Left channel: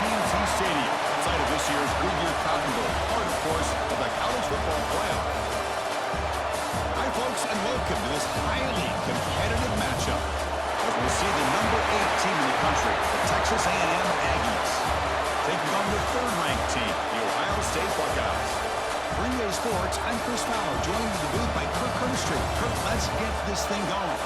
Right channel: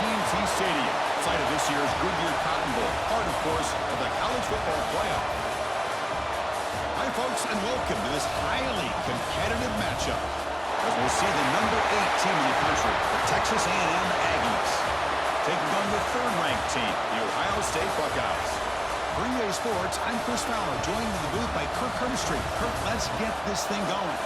TNT Stadium, site of this year's Goodyear Cotton Bowl, part, of course, of the college football playoff. Hi, folks, and welcome to this highly competitive matchup, as we'll see the number 8 team in the country, the Texas A&M Aggies, taking on the third-ranked team, the Ohio State Buckeyes. For EA Sports, I'm Chris Fowler, joined in the booth by Kirk Herbstreit. Kirk, let's get this thing going.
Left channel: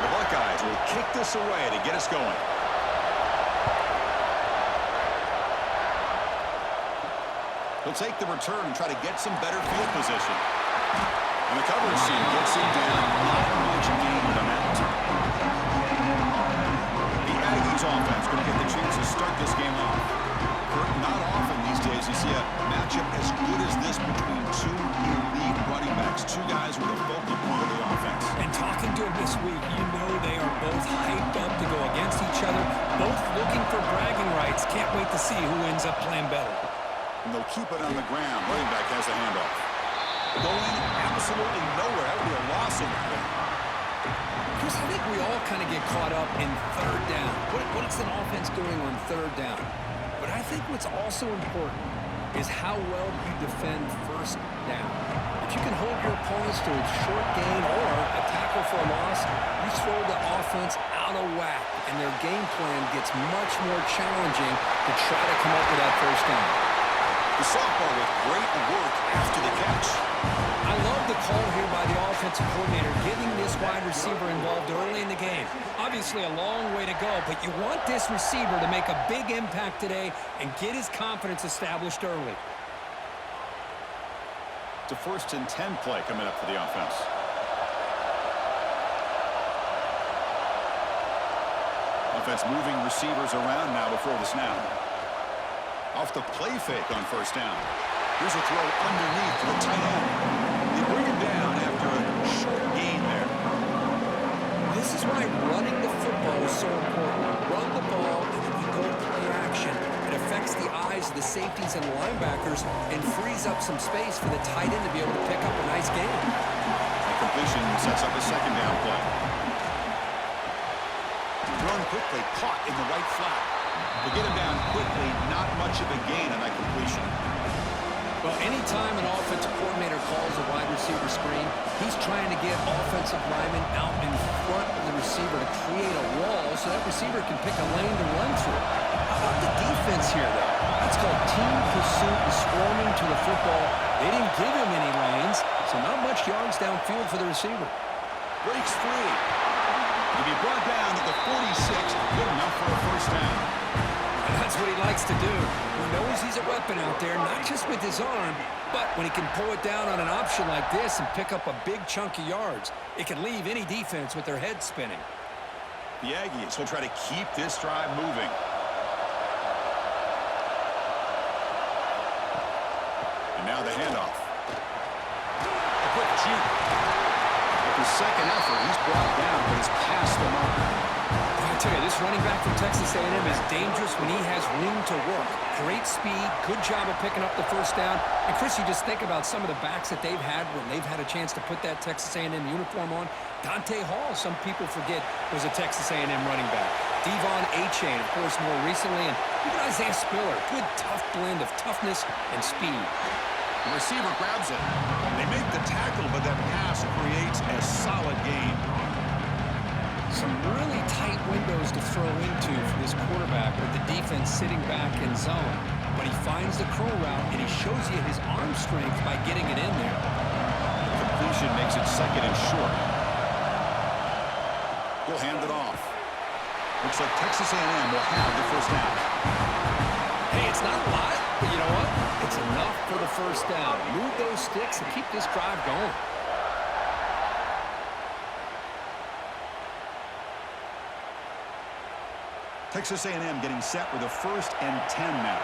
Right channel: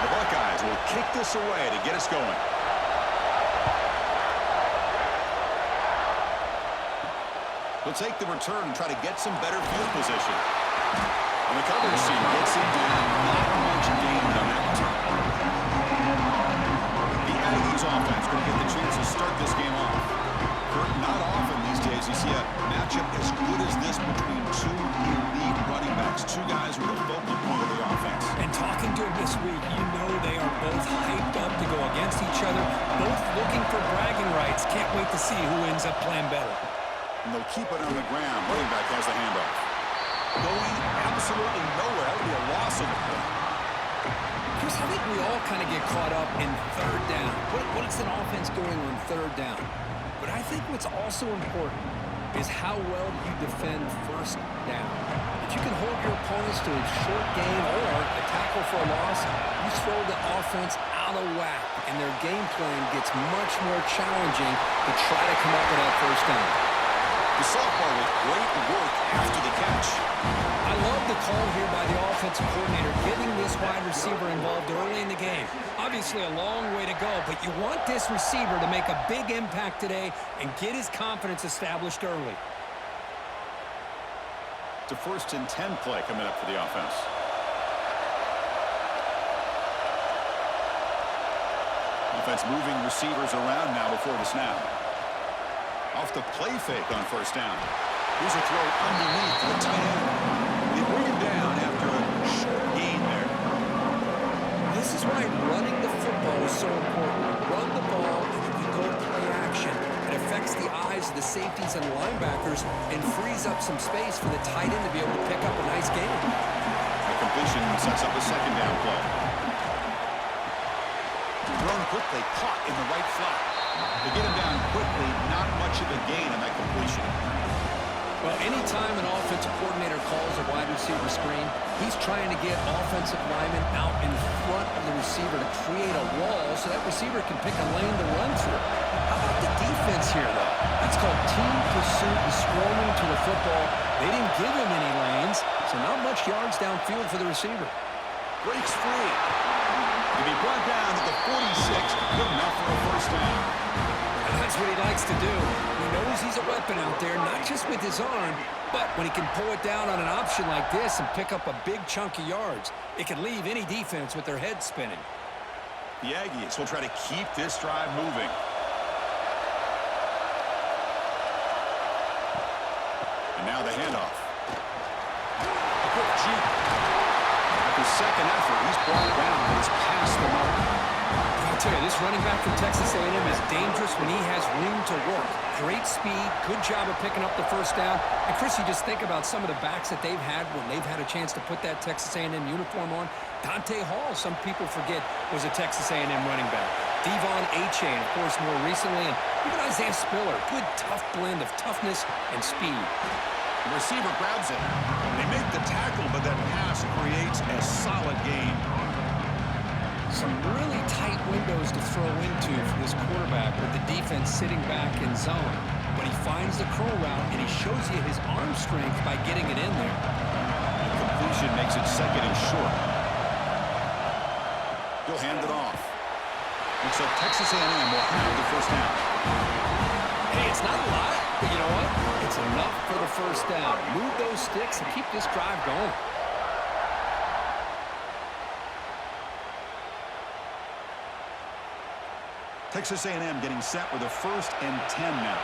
The Buckeyes will kick this away to get us going. He'll take the return and try to get some better field position. And the coverage team gets him down. Not much gained on that return. The Aggies offense going to get the chance to start this game off. Not often these days you see a matchup as good as this between two elite running backs, two guys who are the focal point of the offense. And talking to him this week, you know they are both hyped up to go against each other, both looking for bragging rights. Can't wait to see who ends up playing better. And they'll keep it on the ground. Running back has the handoff. Going absolutely nowhere. That would be a loss in the play. Chris, I think we all kind of get caught up in third down. What is an offense doing on third down? But I think what's also important is how well you defend first down. If you can hold your opponents to a short gain or a tackle for a loss, you throw the offense out of whack, and their game plan gets much more challenging to try to come up with that first down. The sophomore with great work after the catch. I love the call here by the offensive coordinator, getting this wide receiver involved early in the game. Obviously a long way to go, but you want this receiver to make a big impact today and get his confidence established early. It's a 1st and 10 play coming up for the offense. Offense moving receivers around now before the snap. Off the play fake on first down. Here's a throw underneath to the tight end. They bring him down after a short gain there. This is why running the football is so important. Run the ball, and then you go play action. It affects the eyes of the safeties and linebackers and frees up some space for the tight end to be able to pick up a nice gain. That completion sets up a 2nd down play. Thrown quickly, caught in the right flat. To get him down quickly, not much of a gain on that completion. Well, anytime an offensive coordinator calls a wide receiver screen, he's trying to get offensive linemen out in front of the receiver to create a wall so that receiver can pick a lane to run through. How about the defense here, though? That's called team pursuit and swarming to the football. They didn't give him any lanes, so not much yards downfield for the receiver. Breaks free. To be brought down to the 46, good enough for a first down. And that's what he likes to do. He knows he's a weapon out there, not just with his arm, but when he can pull it down on an option like this and pick up a big chunk of yards, it can leave any defense with their head spinning. The Aggies will try to keep this drive moving. And now the handoff. A quick juke. After second effort, he's brought down, but he's past the mark. I tell you, this running back from Texas A&M is dangerous when he has room to work. Great speed, good job of picking up the first down. And Chris, you just think about some of the backs that they've had when they've had a chance to put that Texas A&M uniform on. Dante Hall, some people forget, was a Texas A&M running back. Devon Achane, of course, more recently, and even Isaiah Spiller. Good, tough blend of toughness and speed. The receiver grabs it. They make the tackle, but that pass creates a solid gain. Some really tight windows to throw into for this quarterback with the defense sitting back in zone. But he finds the curl route, and he shows you his arm strength by getting it in there. The completion makes it 2nd and short. He'll hand it off. Looks like Texas A&M will have the first down. Hey, it's not a lot, but you know what? It's enough for the first down. Move those sticks and keep this drive going. Texas A&M getting set with a 1st and 10 now.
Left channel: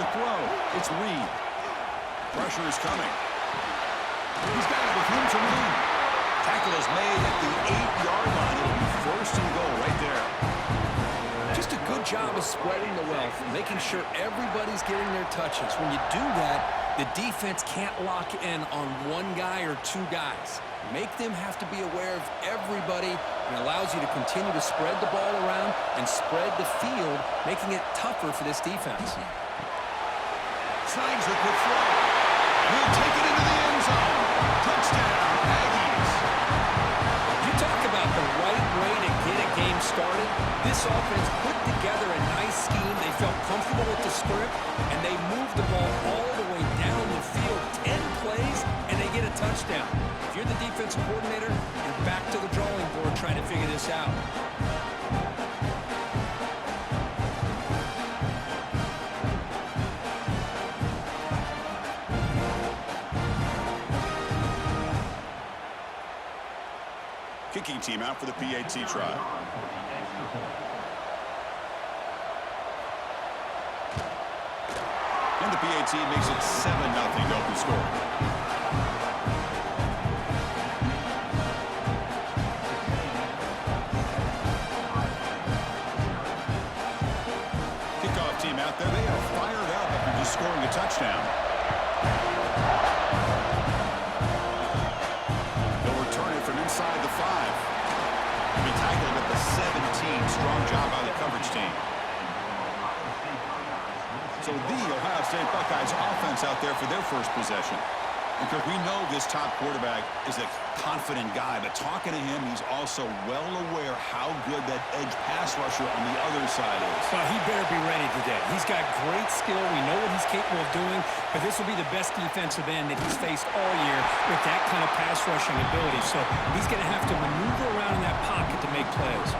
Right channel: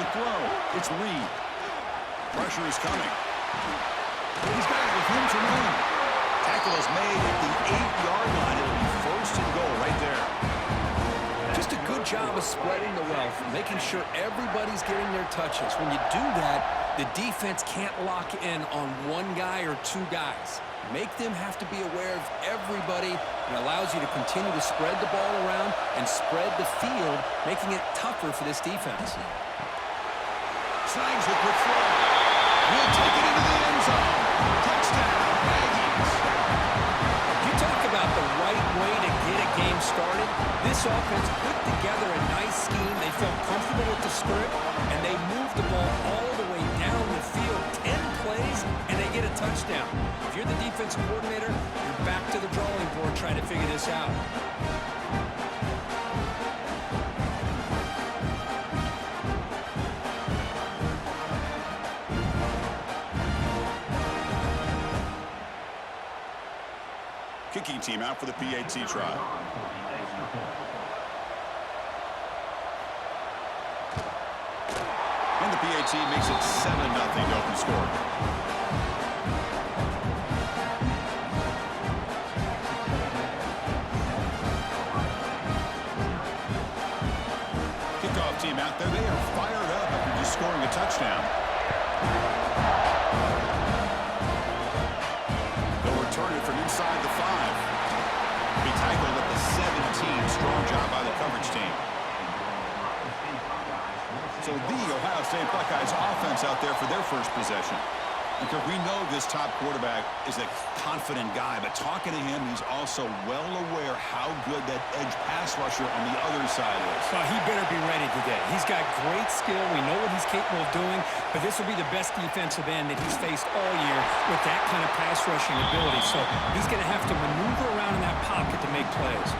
To throw, it's Reed. Pressure is coming. He's got it with room to run. Tackle is made at the 8-yard line. It'll be first and goal right there. Just a good job of spreading the wealth, making sure everybody's getting their touches. When you do that, the defense can't lock in on one guy or two guys. Make them have to be aware of everybody, and allows you to continue to spread the ball around and spread the field, making it tougher for this defense. Snags the quick throw. He'll take it into the end zone. Touchdown, Aggies. You talk about the right way to get a game started. This offense put together a nice scheme. They felt comfortable with the script, and they moved the ball all the way down the field. 10 plays, and they get a touchdown. If you're the defensive coordinator, you're back to the drawing board trying to figure this out. Kicking team out for the PAT try. And the PAT makes it 7-0 to open scoring. Kickoff team out there. They are fired up after just scoring a touchdown. Turn it from inside the 5. He'll be tackled at the 17. Strong job by the coverage team. So the Ohio State Buckeyes offense out there for their first possession. And Kirk, we know this top quarterback is a confident guy, but talking to him, he's also well aware how good that edge pass rusher on the other side is. Well, he better be ready today. He's got great skill. We know what he's capable of doing, but this will be the best defensive end that he's faced all year with that kind of pass rushing ability. So he's going to have to maneuver around in that pocket to make plays.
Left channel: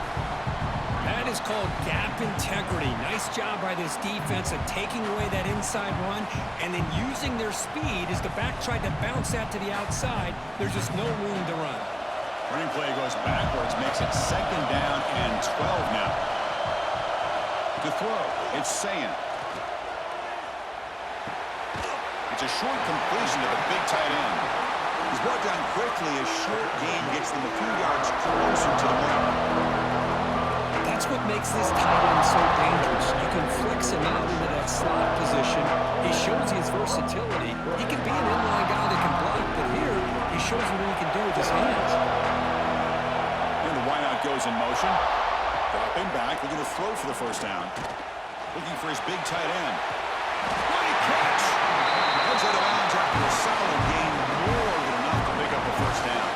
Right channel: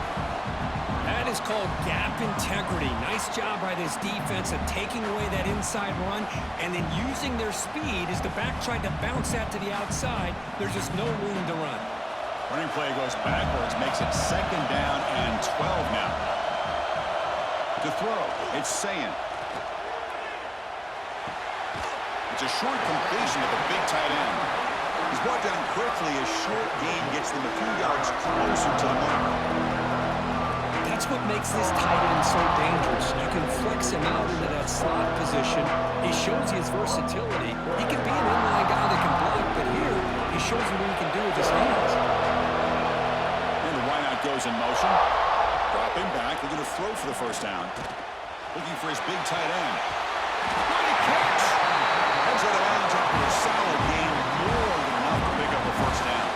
That is called gap integrity. Nice job by this defense of taking away that inside run and then using their speed as the back tried to bounce that to the outside. There's just no room to run. Running play goes backwards, makes it 2nd down and 12 now. To throw, it's Sayin. It's a short completion to the big tight end. He's brought down quickly. A short gain gets them a few yards closer to the mark. That's what makes this tight end so dangerous. You can flex him out into that slot position. He shows you his versatility. He can be an inline guy that can block, but here he shows you what he can do with his hands. And the wideout goes in motion. Dropping back, looking to throw for the first down. Looking for his big tight end. What a catch! Heads out of bounds after a solid gain, more than enough to pick up a first down.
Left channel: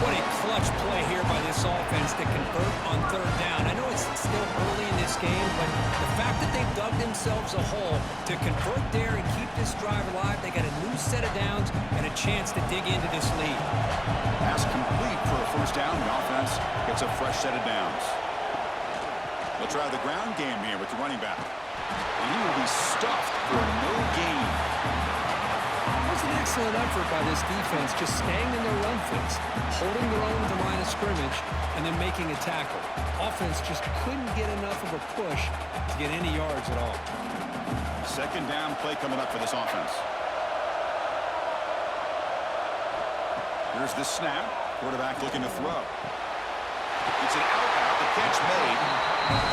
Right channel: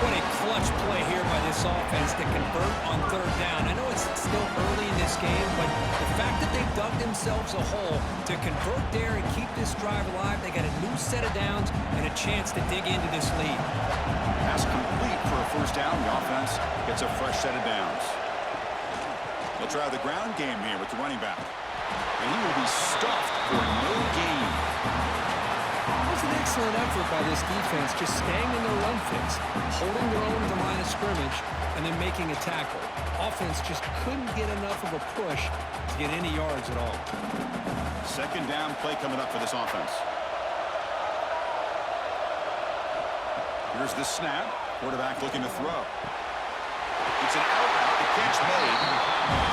What a clutch play here by this offense to convert on 3rd down. I know it's still early in this game, but the fact that they've dug themselves a hole to convert there and keep this drive alive, they got a new set of downs and a chance to dig into this lead. Pass complete for a first down. The offense gets a fresh set of downs. They'll try the ground game here with the running back. And he will be stuffed for no gain. That was an excellent effort by this defense, just staying in their run fix, holding their own at the line of scrimmage, and then making a tackle. Offense just couldn't get enough of a push to get any yards at all. 2nd down play coming up for this offense. Here's the snap. Quarterback looking to throw. It's an out route. The catch made.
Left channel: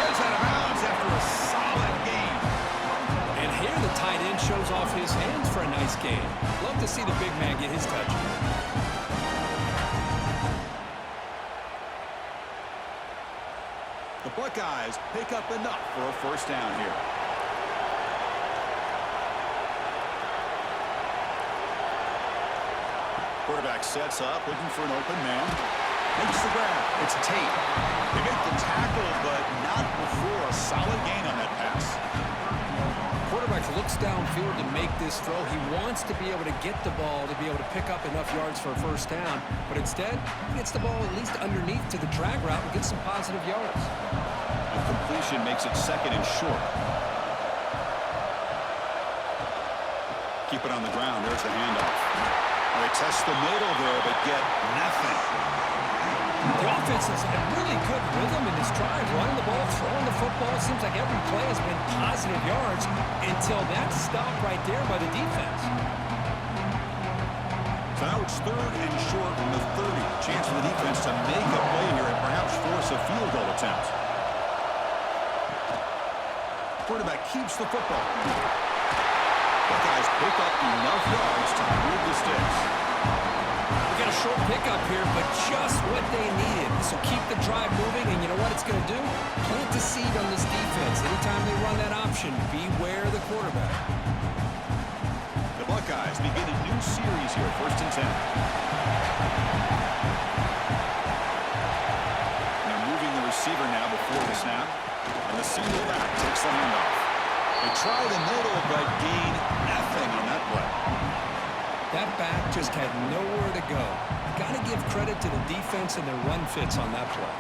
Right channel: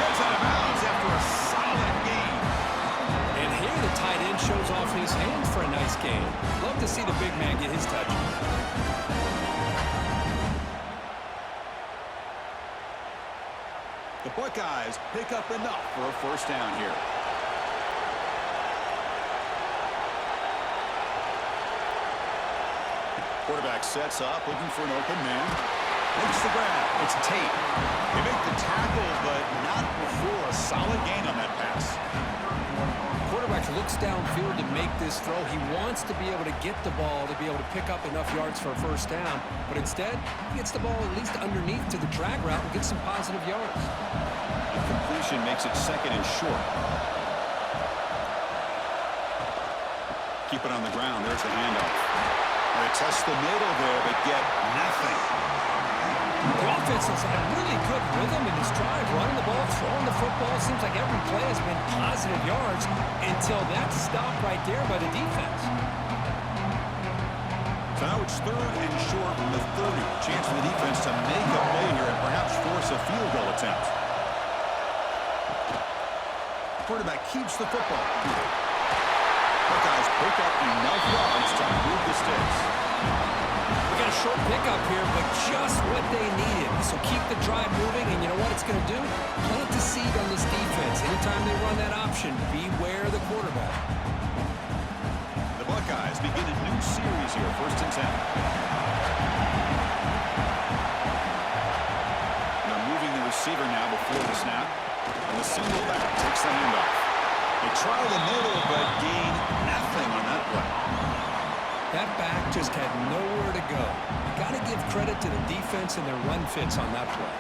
Gets out of bounds after a solid gain. And here the tight end shows off his hands for a nice gain. Love to see the big man get his touches. The Buckeyes pick up enough for a first down here. Quarterback sets up, looking for an open man. Makes the grab. It's Tate. They make the tackle, but not before a solid gain on that pass. Quarterback looks downfield to make this throw. He wants to be able to get the ball to be able to pick up enough yards for a first down, but instead he gets the ball at least underneath to the drag route and gets some positive yards. And completion makes it 2nd and short. Keep it on the ground. There's the handoff. Well, they test the middle there, but get nothing. The offense has had really good rhythm in this drive, running the ball, throwing the football. It seems like every play has been positive yards until that stop right there by the defense. So now it's 3rd and short from the 30. Chance for the defense to make a play here and perhaps force a field goal attempt. Quarterback keeps the football. Buckeyes pick up enough yards to move the sticks. We got a short pickup here, but just what they needed. This will keep the drive moving, and you know what it's going to do? Plant the seed on this defense. Anytime they run that option, beware the quarterback. The Buckeyes begin a new series here, 1st and 10. And they're moving the receiver now before the snap. And the single back takes the handoff. They try the middle, but gain nothing on that play. That back just had nowhere to go. Got to give credit to the defense and their run fits on that play.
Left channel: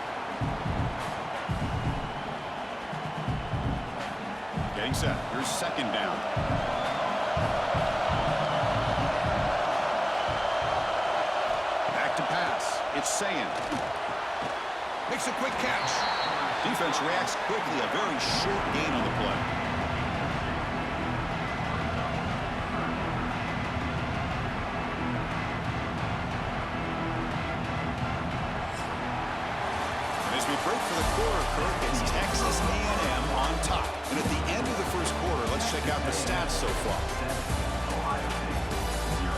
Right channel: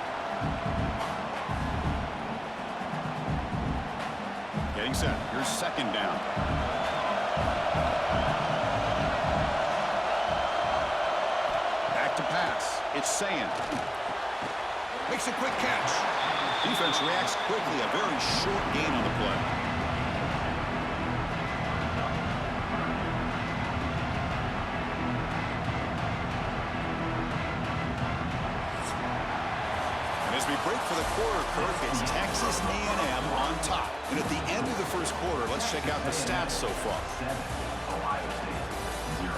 Getting set. Here's 2nd down. Back to pass. It's Sayin. Makes a quick catch. Defense reacts quickly. A very short gain on the play. As we break for the quarter, Kirk, it's Texas A&M on top. And at the end of the 1st quarter, let's check out the stats so far. Ohio State, 0.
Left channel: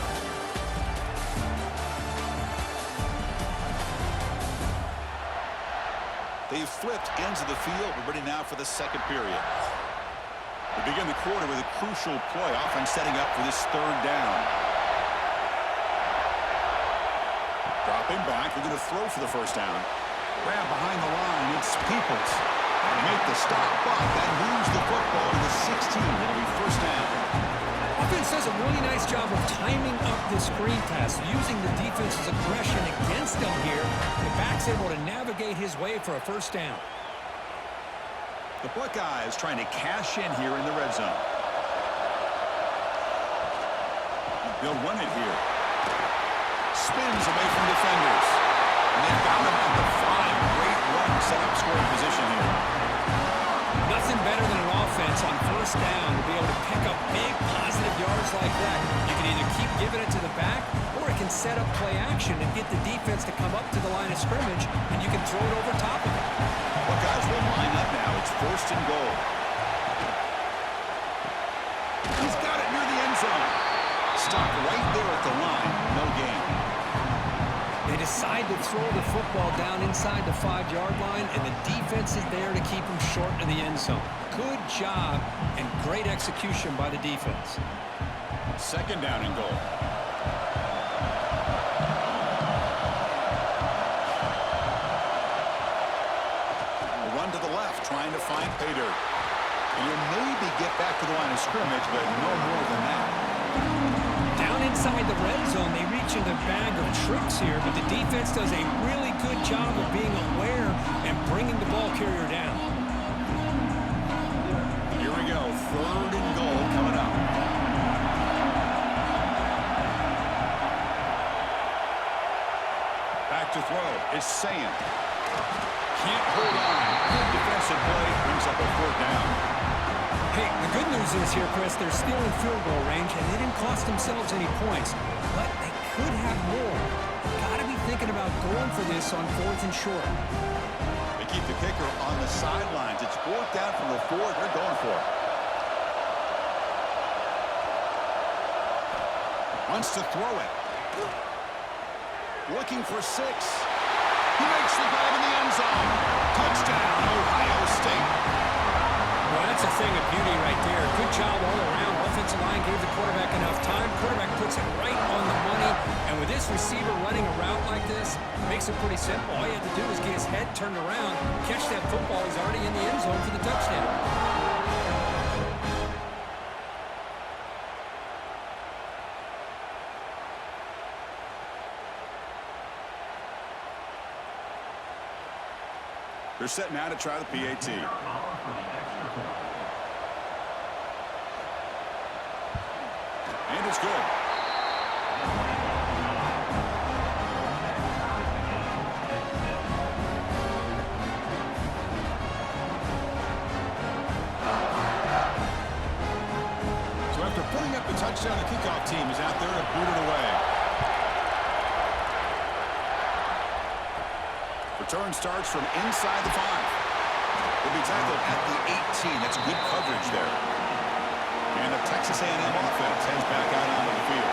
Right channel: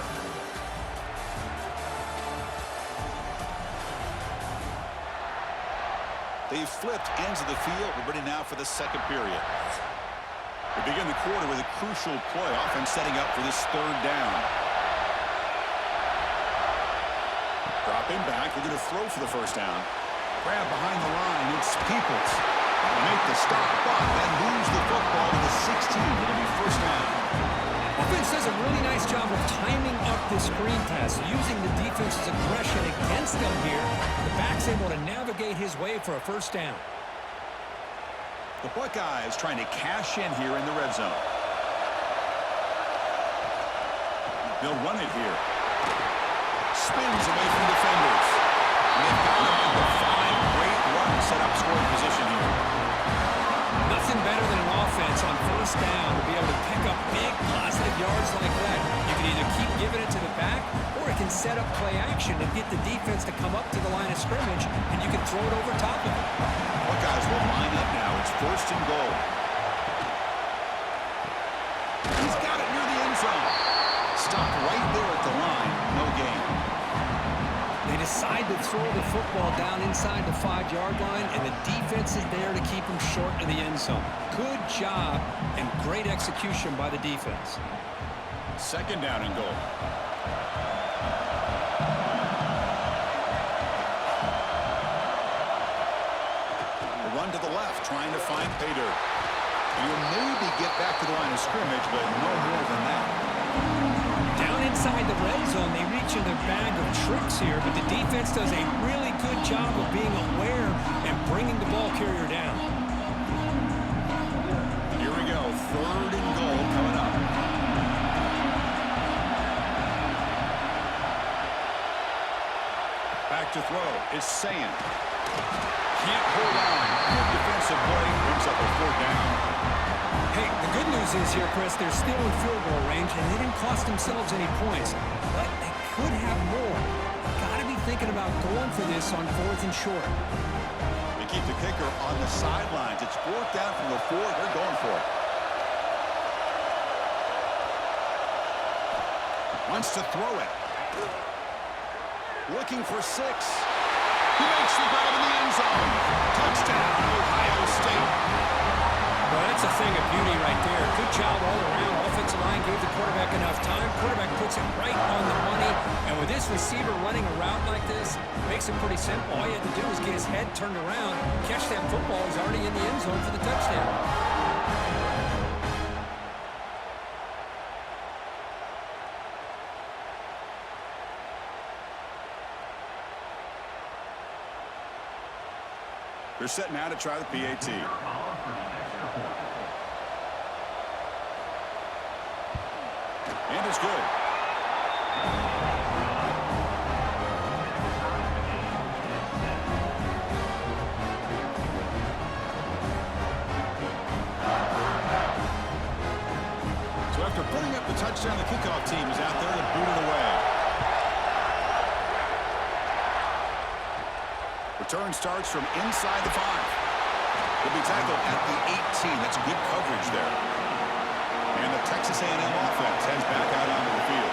They've flipped ends of the field. We're ready now for the 2nd period. We begin the quarter with a crucial play. Offense setting up for this 3rd down. Dropping back. They're going to throw for the 1st down. Grab behind the line. It's Peoples. They make the stop, but then moves the football to the 16. It'll be 1st down. Offense does a really nice job of timing up this screen pass, using the defense's aggression against them here. The back's able to navigate his way for a 1st down. The Buckeyes trying to cash in here in the red zone. They'll run it here. Spins away from defenders. And they've got him at the 5. Great run, set up scoring position here. Nothing better than an offense on 1st down to be able to pick up big positive yards like that. You can either keep giving it to the back, or it can set up play action and get the defense to come up to the line of scrimmage, and you can throw it over top of it. Buckeyes will line up now. It's 1st and goal. He's got it near the end zone. Stop right there at the line. No gain. They decide to throw the football down inside the 5-yard line, and the defense is there to keep them short of the end zone. Good job and great execution by the defense. 2nd down and goal. A run to the left, trying to find pay dirt. And he'll maybe get back to the line of scrimmage, but no more than that. Down inside the red zone, they reach in their bag of tricks here, but the defense does a really good job of being aware and bringing the ball carrier down. Here we go, 3rd and goal coming up. Back to throw. It's Sayin. Can't hold on. Good defensive play. Brings up a 4th down. Hey, the good news is here, Chris, they're still in field goal range, and they didn't cost themselves any points, but they could have more. Got to be thinking about going for this on 4th and short. They keep the kicker on the sidelines. It's 4th down from the 4. They're going for it. Wants to throw it. Looking for 6. He makes the grab in the end zone. Touchdown, Ohio State. Well, that's a thing of beauty right there. Good job all around. Offensive line gave the quarterback enough time. Quarterback puts it right on the money. And with this receiver running a route like this, makes it pretty simple. All you have to do is get his head turned around, catch that football. He's already in the end zone for the touchdown. They're set now to try the PAT. And it's good. So after putting up the touchdown, the kickoff team is out there to boot it away. Return starts from inside the 5. He'll be tackled at the 18. That's good coverage there. And the Texas A&M offense heads back out onto the field.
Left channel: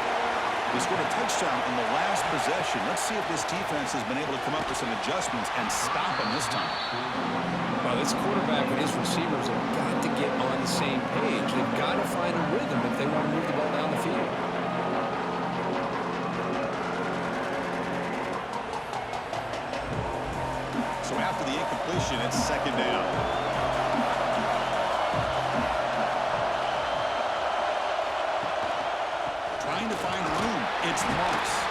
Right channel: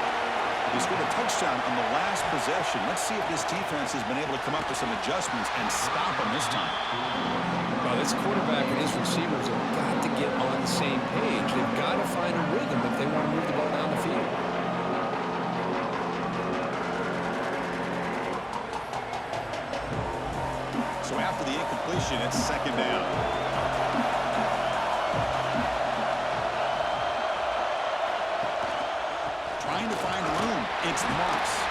They scored a touchdown on the last possession. Let's see if this defense has been able to come up with some adjustments and stop them this time. Well, this quarterback and his receivers have got to get on the same page. They've got to find a rhythm if they want to move the ball down the field. So after the incompletion, it's second down. Trying to find room. It's Moss.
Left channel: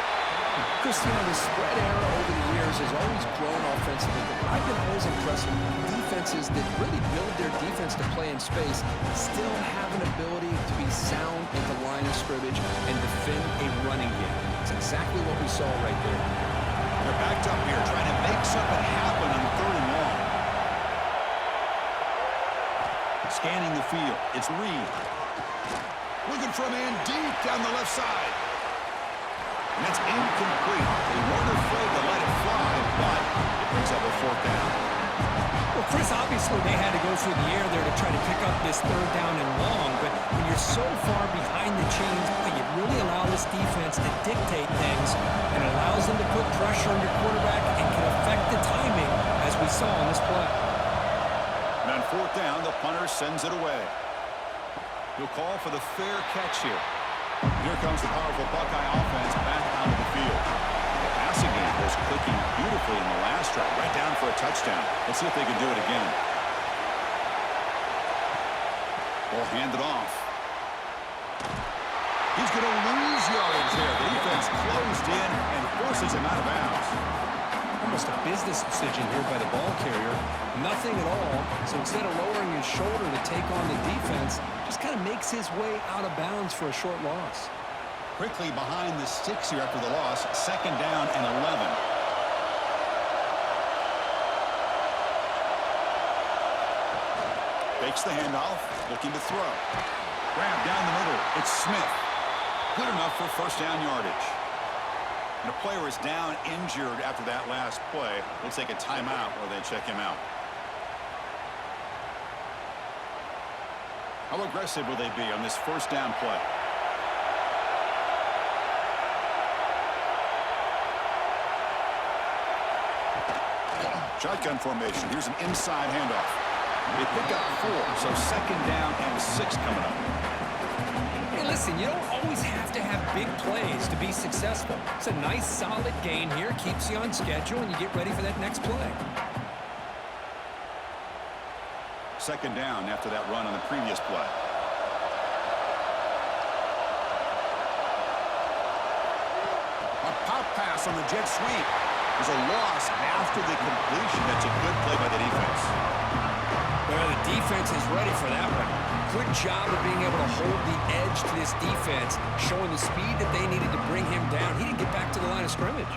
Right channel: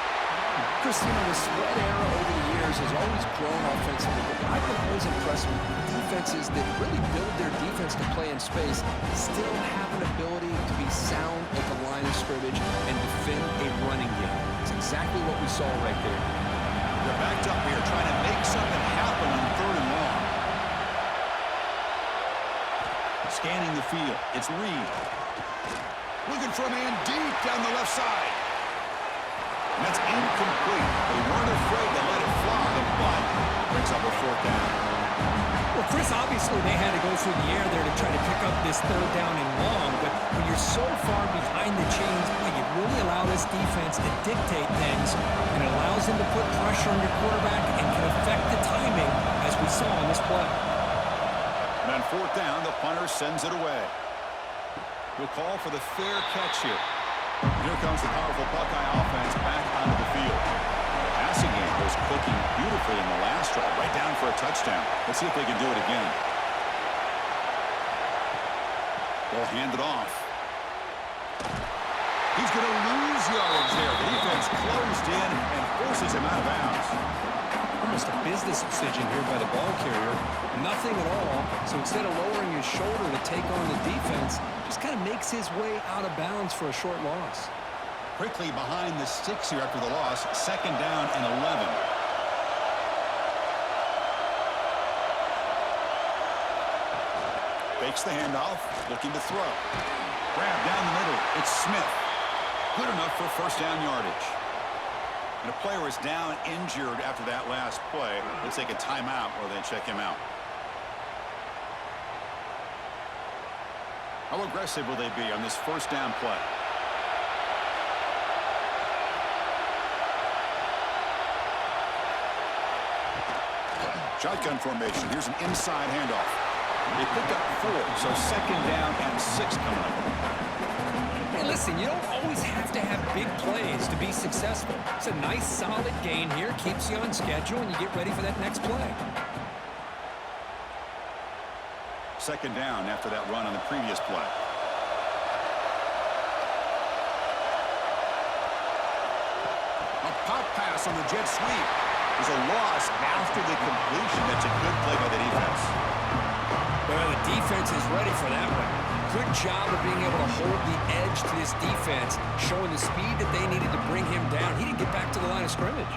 Chris, you know, the spread era over the years has always grown offensively, but what I've been always impressed with defenses that really build their defense to play in space still have an ability to be sound at the line of scrimmage and defend a running game. It's exactly what we saw right there. They're backed up here trying to make something happen on 3rd and long. Scanning the field. It's Reed. Looking for a man deep down the left side. And that's incomplete. They weren't afraid to let it fly, but it brings up a 4th down. Well, Chris, obviously they had to go through the air there to try to pick up this 3rd down and long, but when you're so far behind the chains, boy, you really allow this defense to dictate things, and it allows them to put pressure on your quarterback and can affect the timing, as we saw on this play. And on 4th down, the punter sends it away. He'll call for the fair catch here. Here comes the powerful Buckeye offense back onto the field. The passing game was clicking beautifully in the last drive, right down for a touchdown. Let's see if they can do it again. Ball handed off. He's going to lose yardage there. The defense closed in and forces him out of bounds. Almost a business decision here by the ball carrier. Nothing at all. So instead of lowering his shoulder to take on the defense, just kind of makes his way out of bounds for a short loss. Quickly behind the sticks here after the loss. 2nd down and 11. Fakes the handoff. Looking to throw. Grab down the middle. It's Smith. Good enough for 1st down yardage. And a player is down injured after that last play. We'll take a timeout while they check him out. How aggressive will they be on this 1st down play? Shotgun formation. Here's an inside handoff. They pick up 4, so 2nd down and 6 coming up. Hey, listen, you don't always have to have big plays to be successful. It's a nice, solid gain here. Keeps you on schedule, and you get ready for that next play. 2nd down after that run on the previous play. A pop pass on the jet sweep. There's a loss after the completion. That's a good play by the defense. Well, the defense is ready for that one. Good job of being able to hold the edge to this defense, showing the speed that they needed to bring him down. He didn't get back to the line of scrimmage.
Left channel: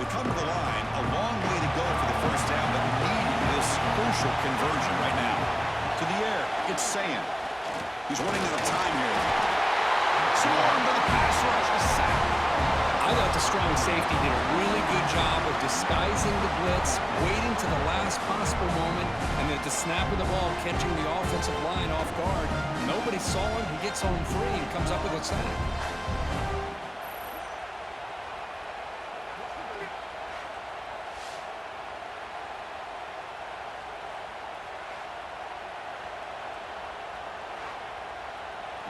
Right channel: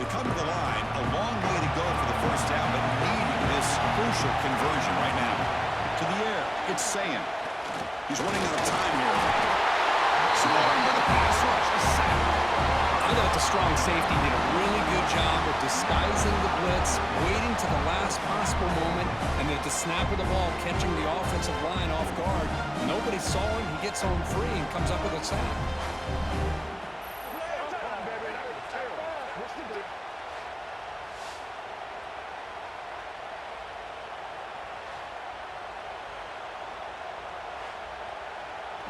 They come to the line, a long way to go for the 1st down, but needing this crucial conversion right now. To the air, it's Sayin. He's running out of time here. Swarmed by the pass rush, a sack. I thought the strong safety did a really good job of disguising the blitz, waiting to the last possible moment, and then at the snap of the ball, catching the offensive line off guard. Nobody saw him. He gets home free and comes up with a sack.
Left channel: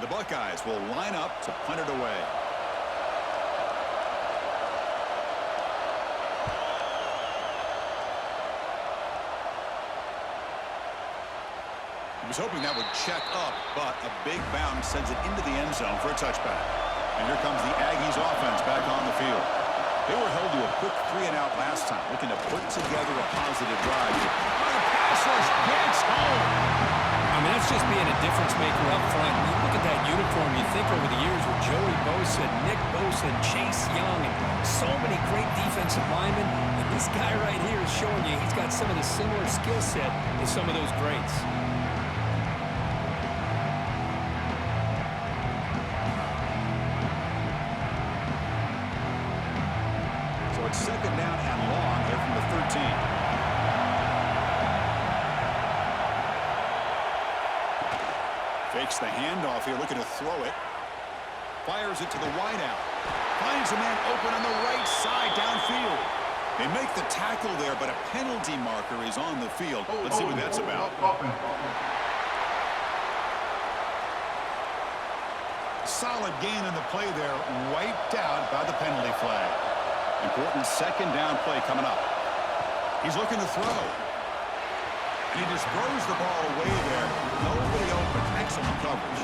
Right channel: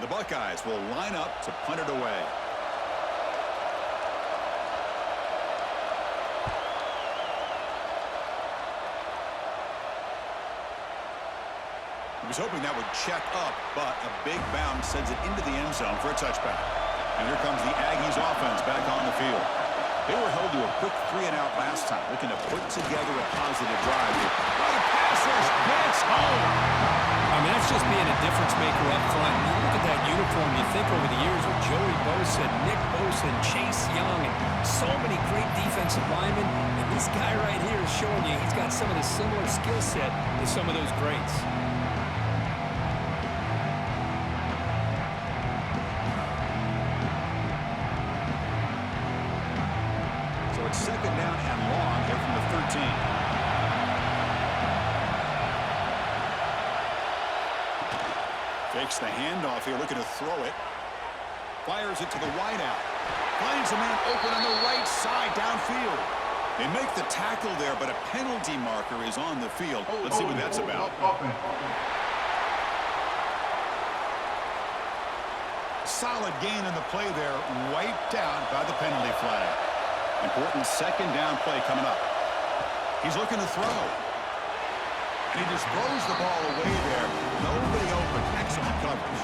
The Buckeyes will line up to punt it away. He was hoping that would check up, but a big bounce sends it into the end zone for a touchback. And here comes the Aggies offense back on the field. They were held to a quick 3-and-out last time, looking to put together a positive drive. Oh, the pass rush gets home. I mean, that's just being a difference maker up front. You look at that uniform, you think over the years with Joey Bosa, Nick Bosa, and Chase Young, and so many great defensive linemen. And this guy right here is showing you he's got some of the similar skill set to some of those greats. second down and long here from the 13. Fakes the handoff here, looking to throw it. Fires it to the wideout. Finds a man open on the right side downfield. They make the tackle there, but a penalty marker is on the field. Let's see what that's about. Solid gain on the play there, wiped out by the penalty flag. Important second down play coming up. He's looking to throw. And he just throws the ball away there. Nobody open. Excellent coverage.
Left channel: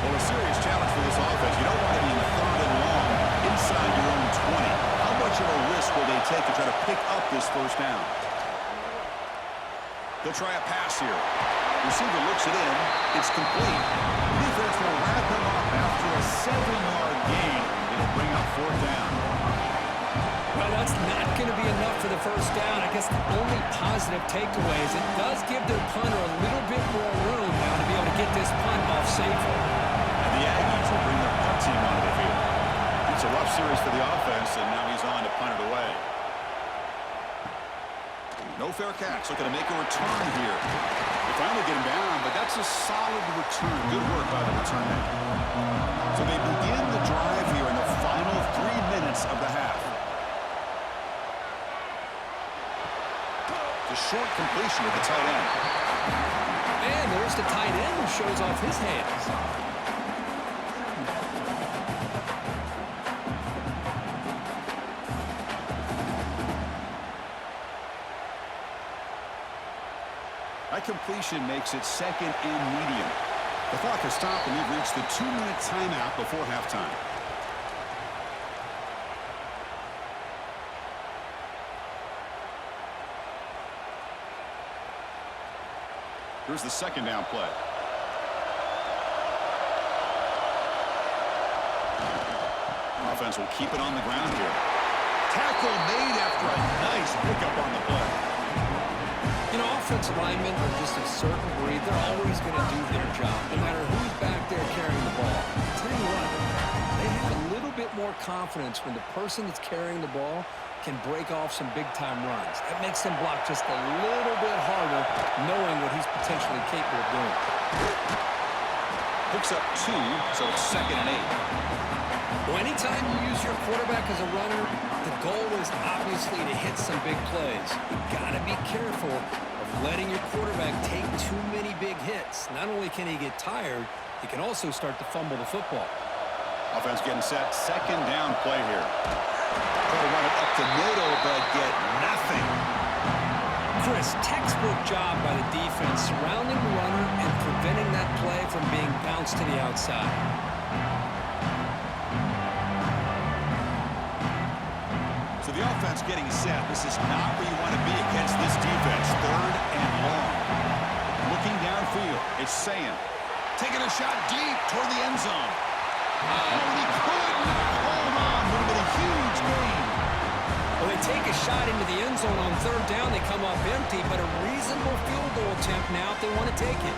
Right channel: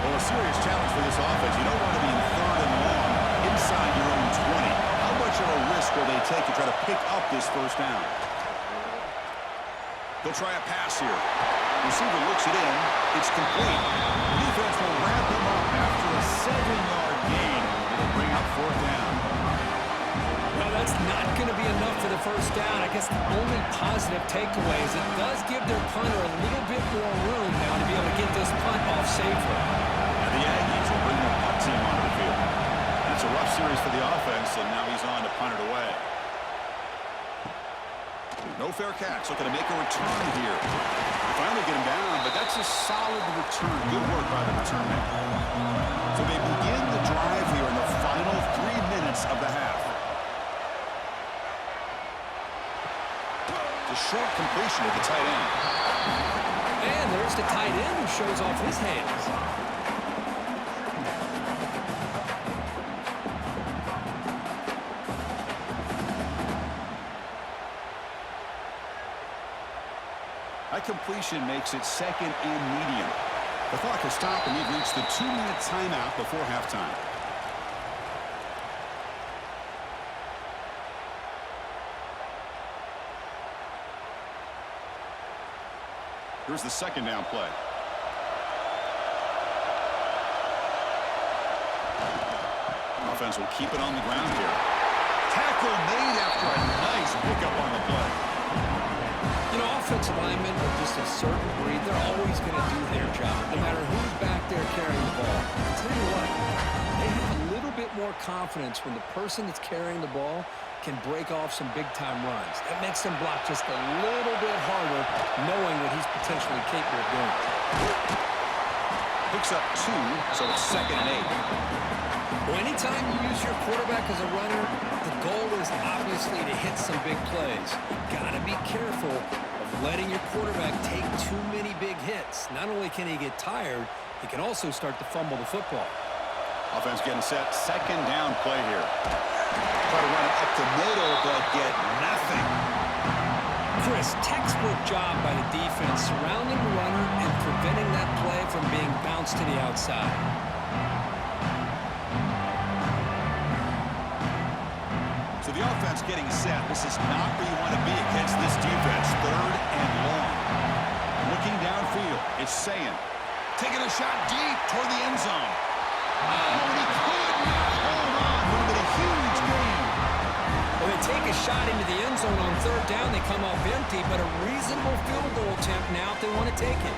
Well, a serious challenge for this offense. You don't want to be in third and long inside your own 20. How much of a risk will they take to try to pick up this first down? They'll try a pass here. Receiver looks it in. It's complete. The defense will wrap him up after a 7-yard gain. It'll bring up fourth down. Well, that's not going to be enough for the first down. I guess the only positive takeaway is it does give their punter a little bit more room now to be able to get this punt off safely. And the Aggies will bring their punt team onto the field. It's a rough series for the offense, and now he's on to punt it away. No fair catch. Looking to make a return here. They finally get him down, but that's a solid return. Good work by the return man. So they begin the drive here in the final 3 minutes of the half. It's a short completion to the tight end. And there's the tight end who shows off his hands. That completion makes it second and medium. The clock has stopped, and we've reached the 2-minute timeout before halftime. Here's the second down play. Offense will keep it on the ground here. Tackle made after a nice pickup on the play. You know, offensive linemen are just a certain breed. They're always going to do their job, no matter who's back there carrying the ball. I'll tell you what, they have a little bit more confidence when the person that's carrying the ball can break off some big-time runs. That makes them block just a little bit harder, knowing what he's potentially capable of doing. Picks up 2, so it's second and 8. Well, anytime you use your quarterback as a runner, the goal is obviously to hit some big plays. You got to be careful of letting your quarterback take too many big hits. Not only can he get tired, he can also start to fumble the football. Offense getting set. Second down play here. Try to run it up the middle, but get nothing. Chris, textbook job by the defense surrounding the runner and preventing that play from being bounced to the outside. So the offense getting set. This is not where you want to be against this defense. Third and long. Looking downfield. It's Sayin. Taking a shot deep toward the end zone. Oh, and he could not hold on. Would have been a huge gain. Well, they take a shot into the end zone on third down. They come up empty, but a reasonable field goal attempt now if they want to take it.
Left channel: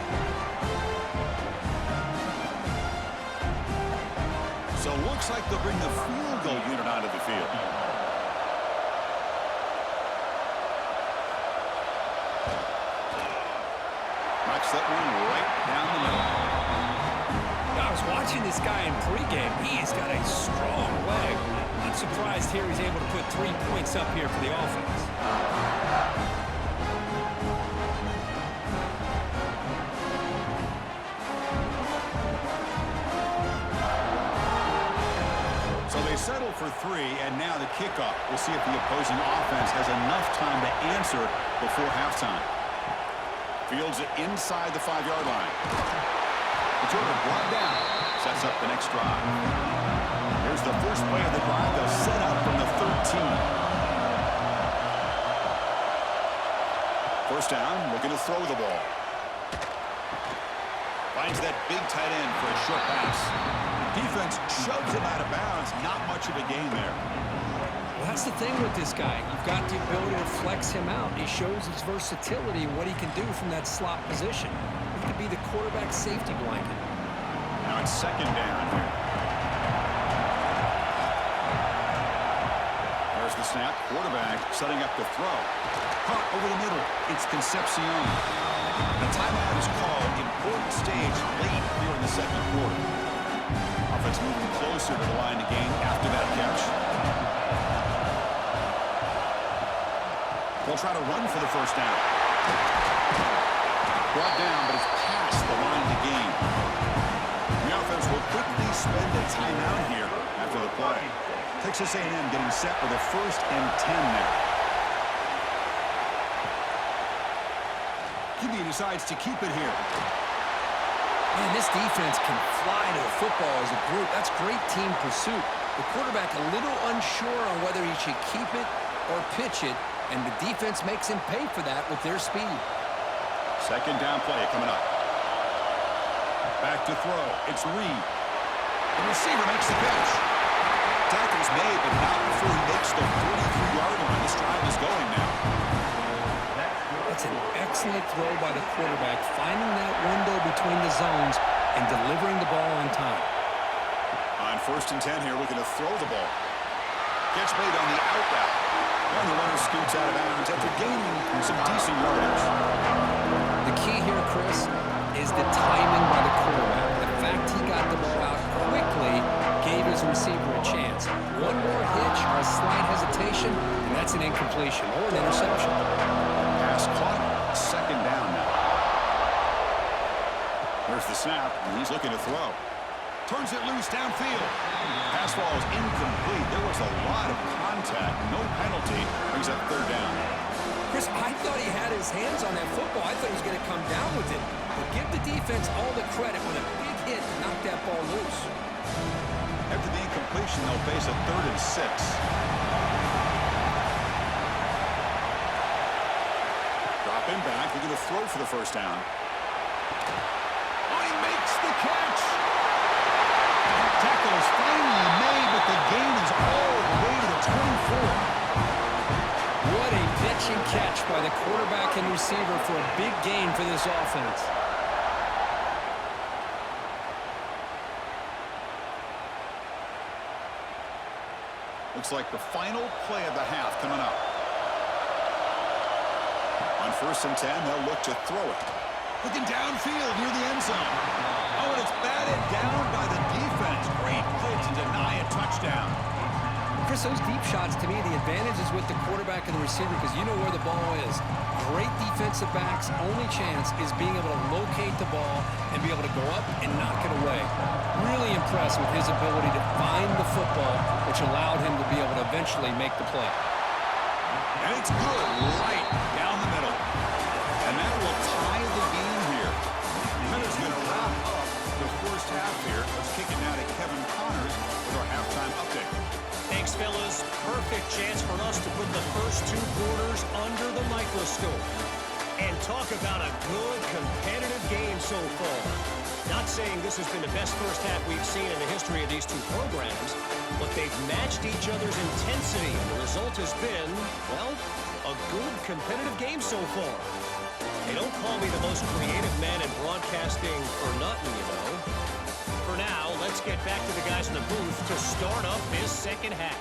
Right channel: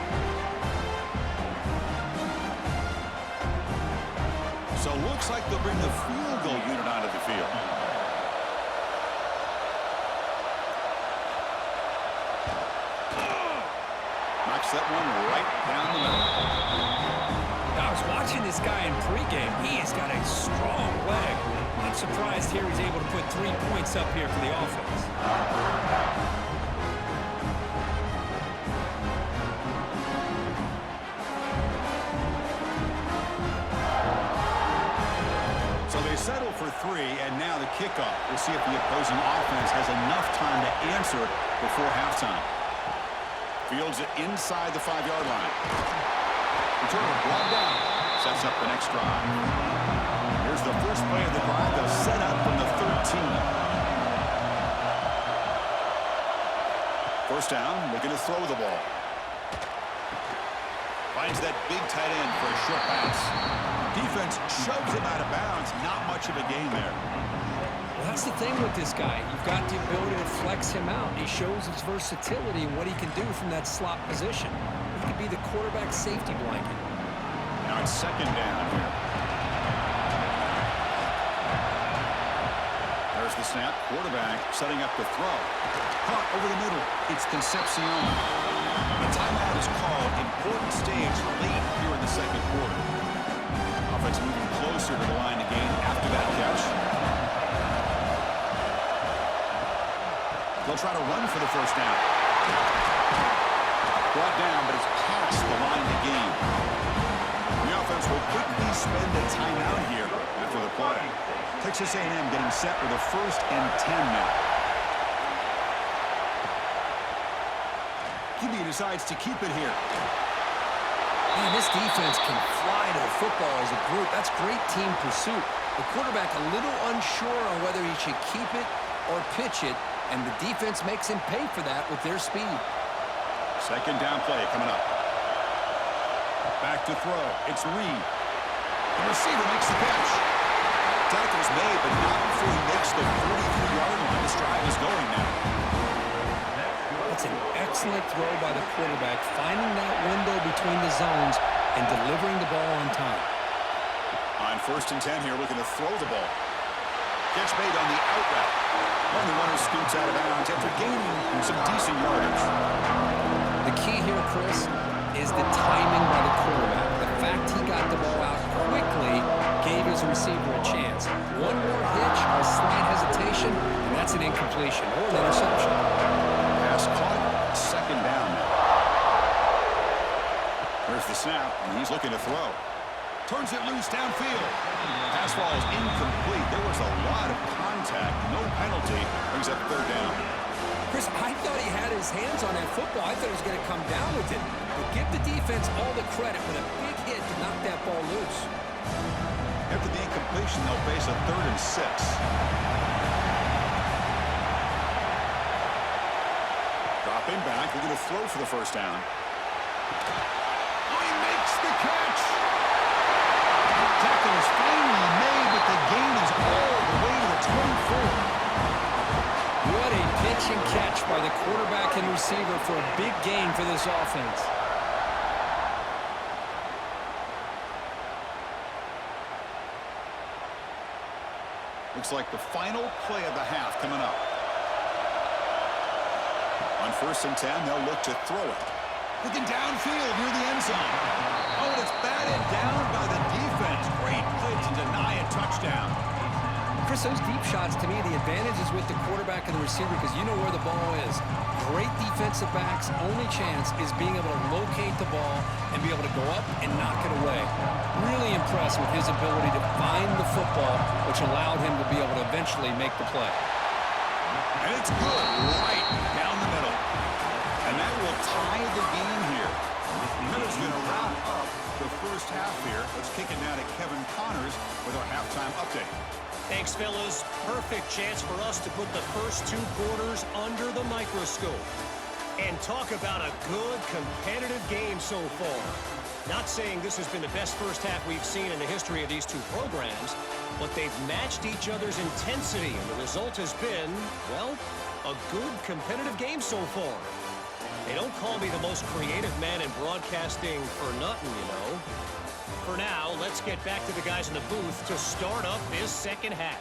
So looks like they'll bring the field goal unit onto the field. Knocks that one right down the middle. I was watching this guy in pregame. He has got a strong leg. Not surprised here he's able to put 3 points up here for the offense. So they settle for 3, and now the kickoff. We'll see if the opposing offense has enough time to answer before halftime. Fields it inside the 5-yard line. Returner brought down. Sets up the next drive. Here's the first play of the drive. They'll set up from the 13. First down, looking to throw the ball. Finds that big tight end for a short pass. Defense shoves him out of bounds. Not much of a gain there. Well, that's the thing with this guy. You've got the ability to flex him out. He shows his versatility and what he can do from that slot position. He could be the quarterback's safety blanket. Now it's second down here. There's the snap. Quarterback setting up to throw. Caught over the middle. It's Concepcion. The timeout is called. Important stage late here in the second quarter. Offense moving closer to the line to gain after that catch. They'll try to run for the first down. Brought down, but it's past the line to gain. The offense will quickly spend a timeout here after the play. Texas A&M getting set with a 1st and 10 now. QB decides to keep it here. Man, this defense can fly to the football as a group. That's great team pursuit. The quarterback a little unsure on whether he should keep it or pitch it, and the defense makes him pay for that with their speed. Second down play coming up. Back to throw. It's Reed. The receiver makes the catch. Tackle's made, but not before he makes the 43-yard line. This drive is going now. That's an excellent throw by the quarterback, finding that window between the zones and delivering the ball on time. On 1st and 10 here, looking to throw the ball. Catch made on the out route. And the runner scoots out of bounds after gaining some decent yardage. The key here, Chris, is the timing by the quarterback. The fact he got the ball out quickly gave his receiver a chance. One more hitch or a slight hesitation, and that's an incompletion or an interception. Pass caught. Second down now. Here's the snap, and he's looking to throw. Turns it loose downfield. Pass ball is incomplete. There was a lot of contact. No penalty. Brings up 3rd down. Chris, I thought he had his hands on that football. I thought he was going to come down with it. But give the defense all the credit with a big hit to knock that ball loose. After the incompletion, they'll face a 3rd and 6. Dropping back, looking to throw for the first down. Oh, he makes the catch. Tackle is finally made, but the gain is all the way to the 24. What a pitch and catch by the quarterback and receiver for a big gain for this offense. Looks like the final play of the half coming up. On 1st and 10, they'll look to throw it. Looking downfield near the end zone. Oh, and it's batted down by the defense. Great play to deny a touchdown. Chris, those deep shots, to me, the advantage is with the quarterback and the receiver because you know where the ball is. Great defensive backs' only chance is being able to locate the ball and be able to go up and knock it away. Really impressed with his ability to find the football, which allowed him to be able to eventually make the play. And it's good right down the middle. And that will tie the game here. Miller's going to wrap up the first half here. Let's kick it now to Kevin Connors with our halftime update. Thanks, fellas. Perfect chance for us to put the first 2 quarters under the microscope. And talk about a good, competitive game so far. Not saying this has been the best first half we've seen in the history of these 2 programs, but they've matched each other's intensity, and the result has been, well, a good, competitive game so far. They don't call me the most creative man in broadcasting for nothing, you know. For now, let's get back to the guys in the booth to start up this second half.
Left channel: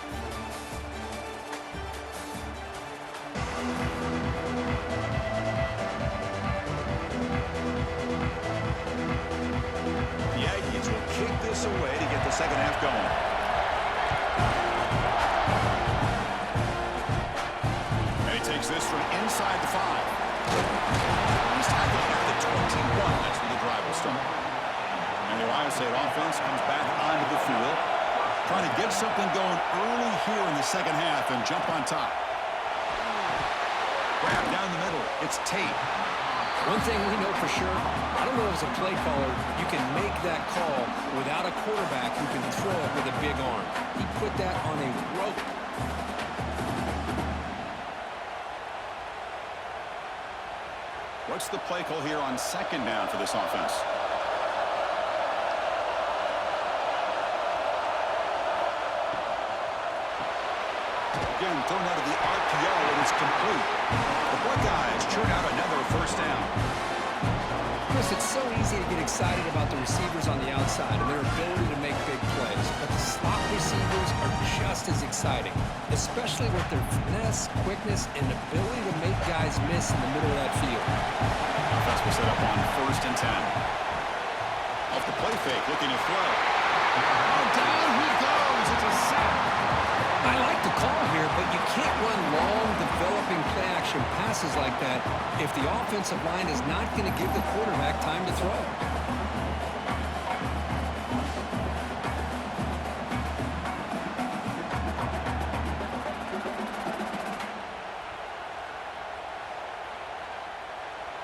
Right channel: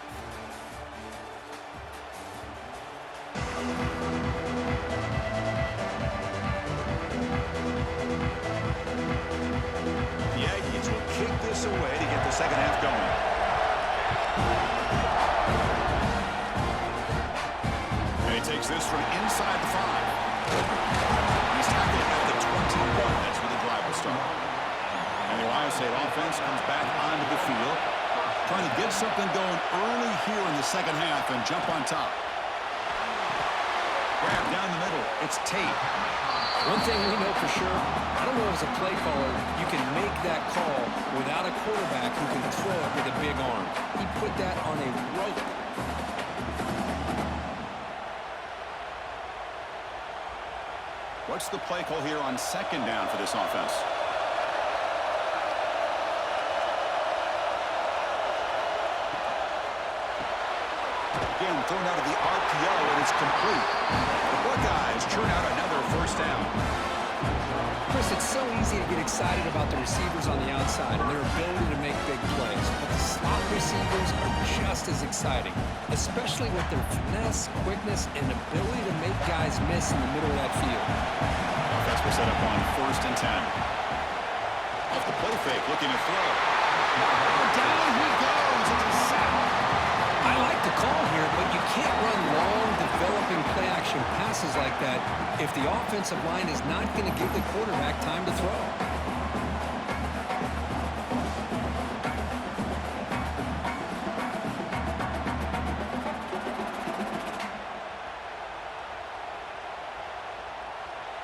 The Aggies will kick this away to get the second half going. And he takes this from inside the 5. He's tackling at the 21. That's where the drive will start. And the Ohio State offense comes back onto the field, trying to get something going early here in the second half and jump on top. Grab down the middle. It's Tate. One thing we know for sure, I don't know as a play caller, you can make that call without a quarterback who can throw it with a big arm. He put that on a rope. What's the play call here on second down for this offense? Again, thrown out of the RPO, and it's complete. The Buckeyes churn out another first down. Chris, it's so easy to get excited about the receivers on the outside and their ability to make big plays, but the slot receivers are just as exciting, especially with their finesse, quickness, and ability to make guys miss in the middle of that field. Offense will set up on 1st and 10. Off the play fake, looking to throw. Oh, down he goes. It's a sack. I like the call here, but you can't run long, developing play-action passes like that if the offensive line is not going to give the quarterback time to throw.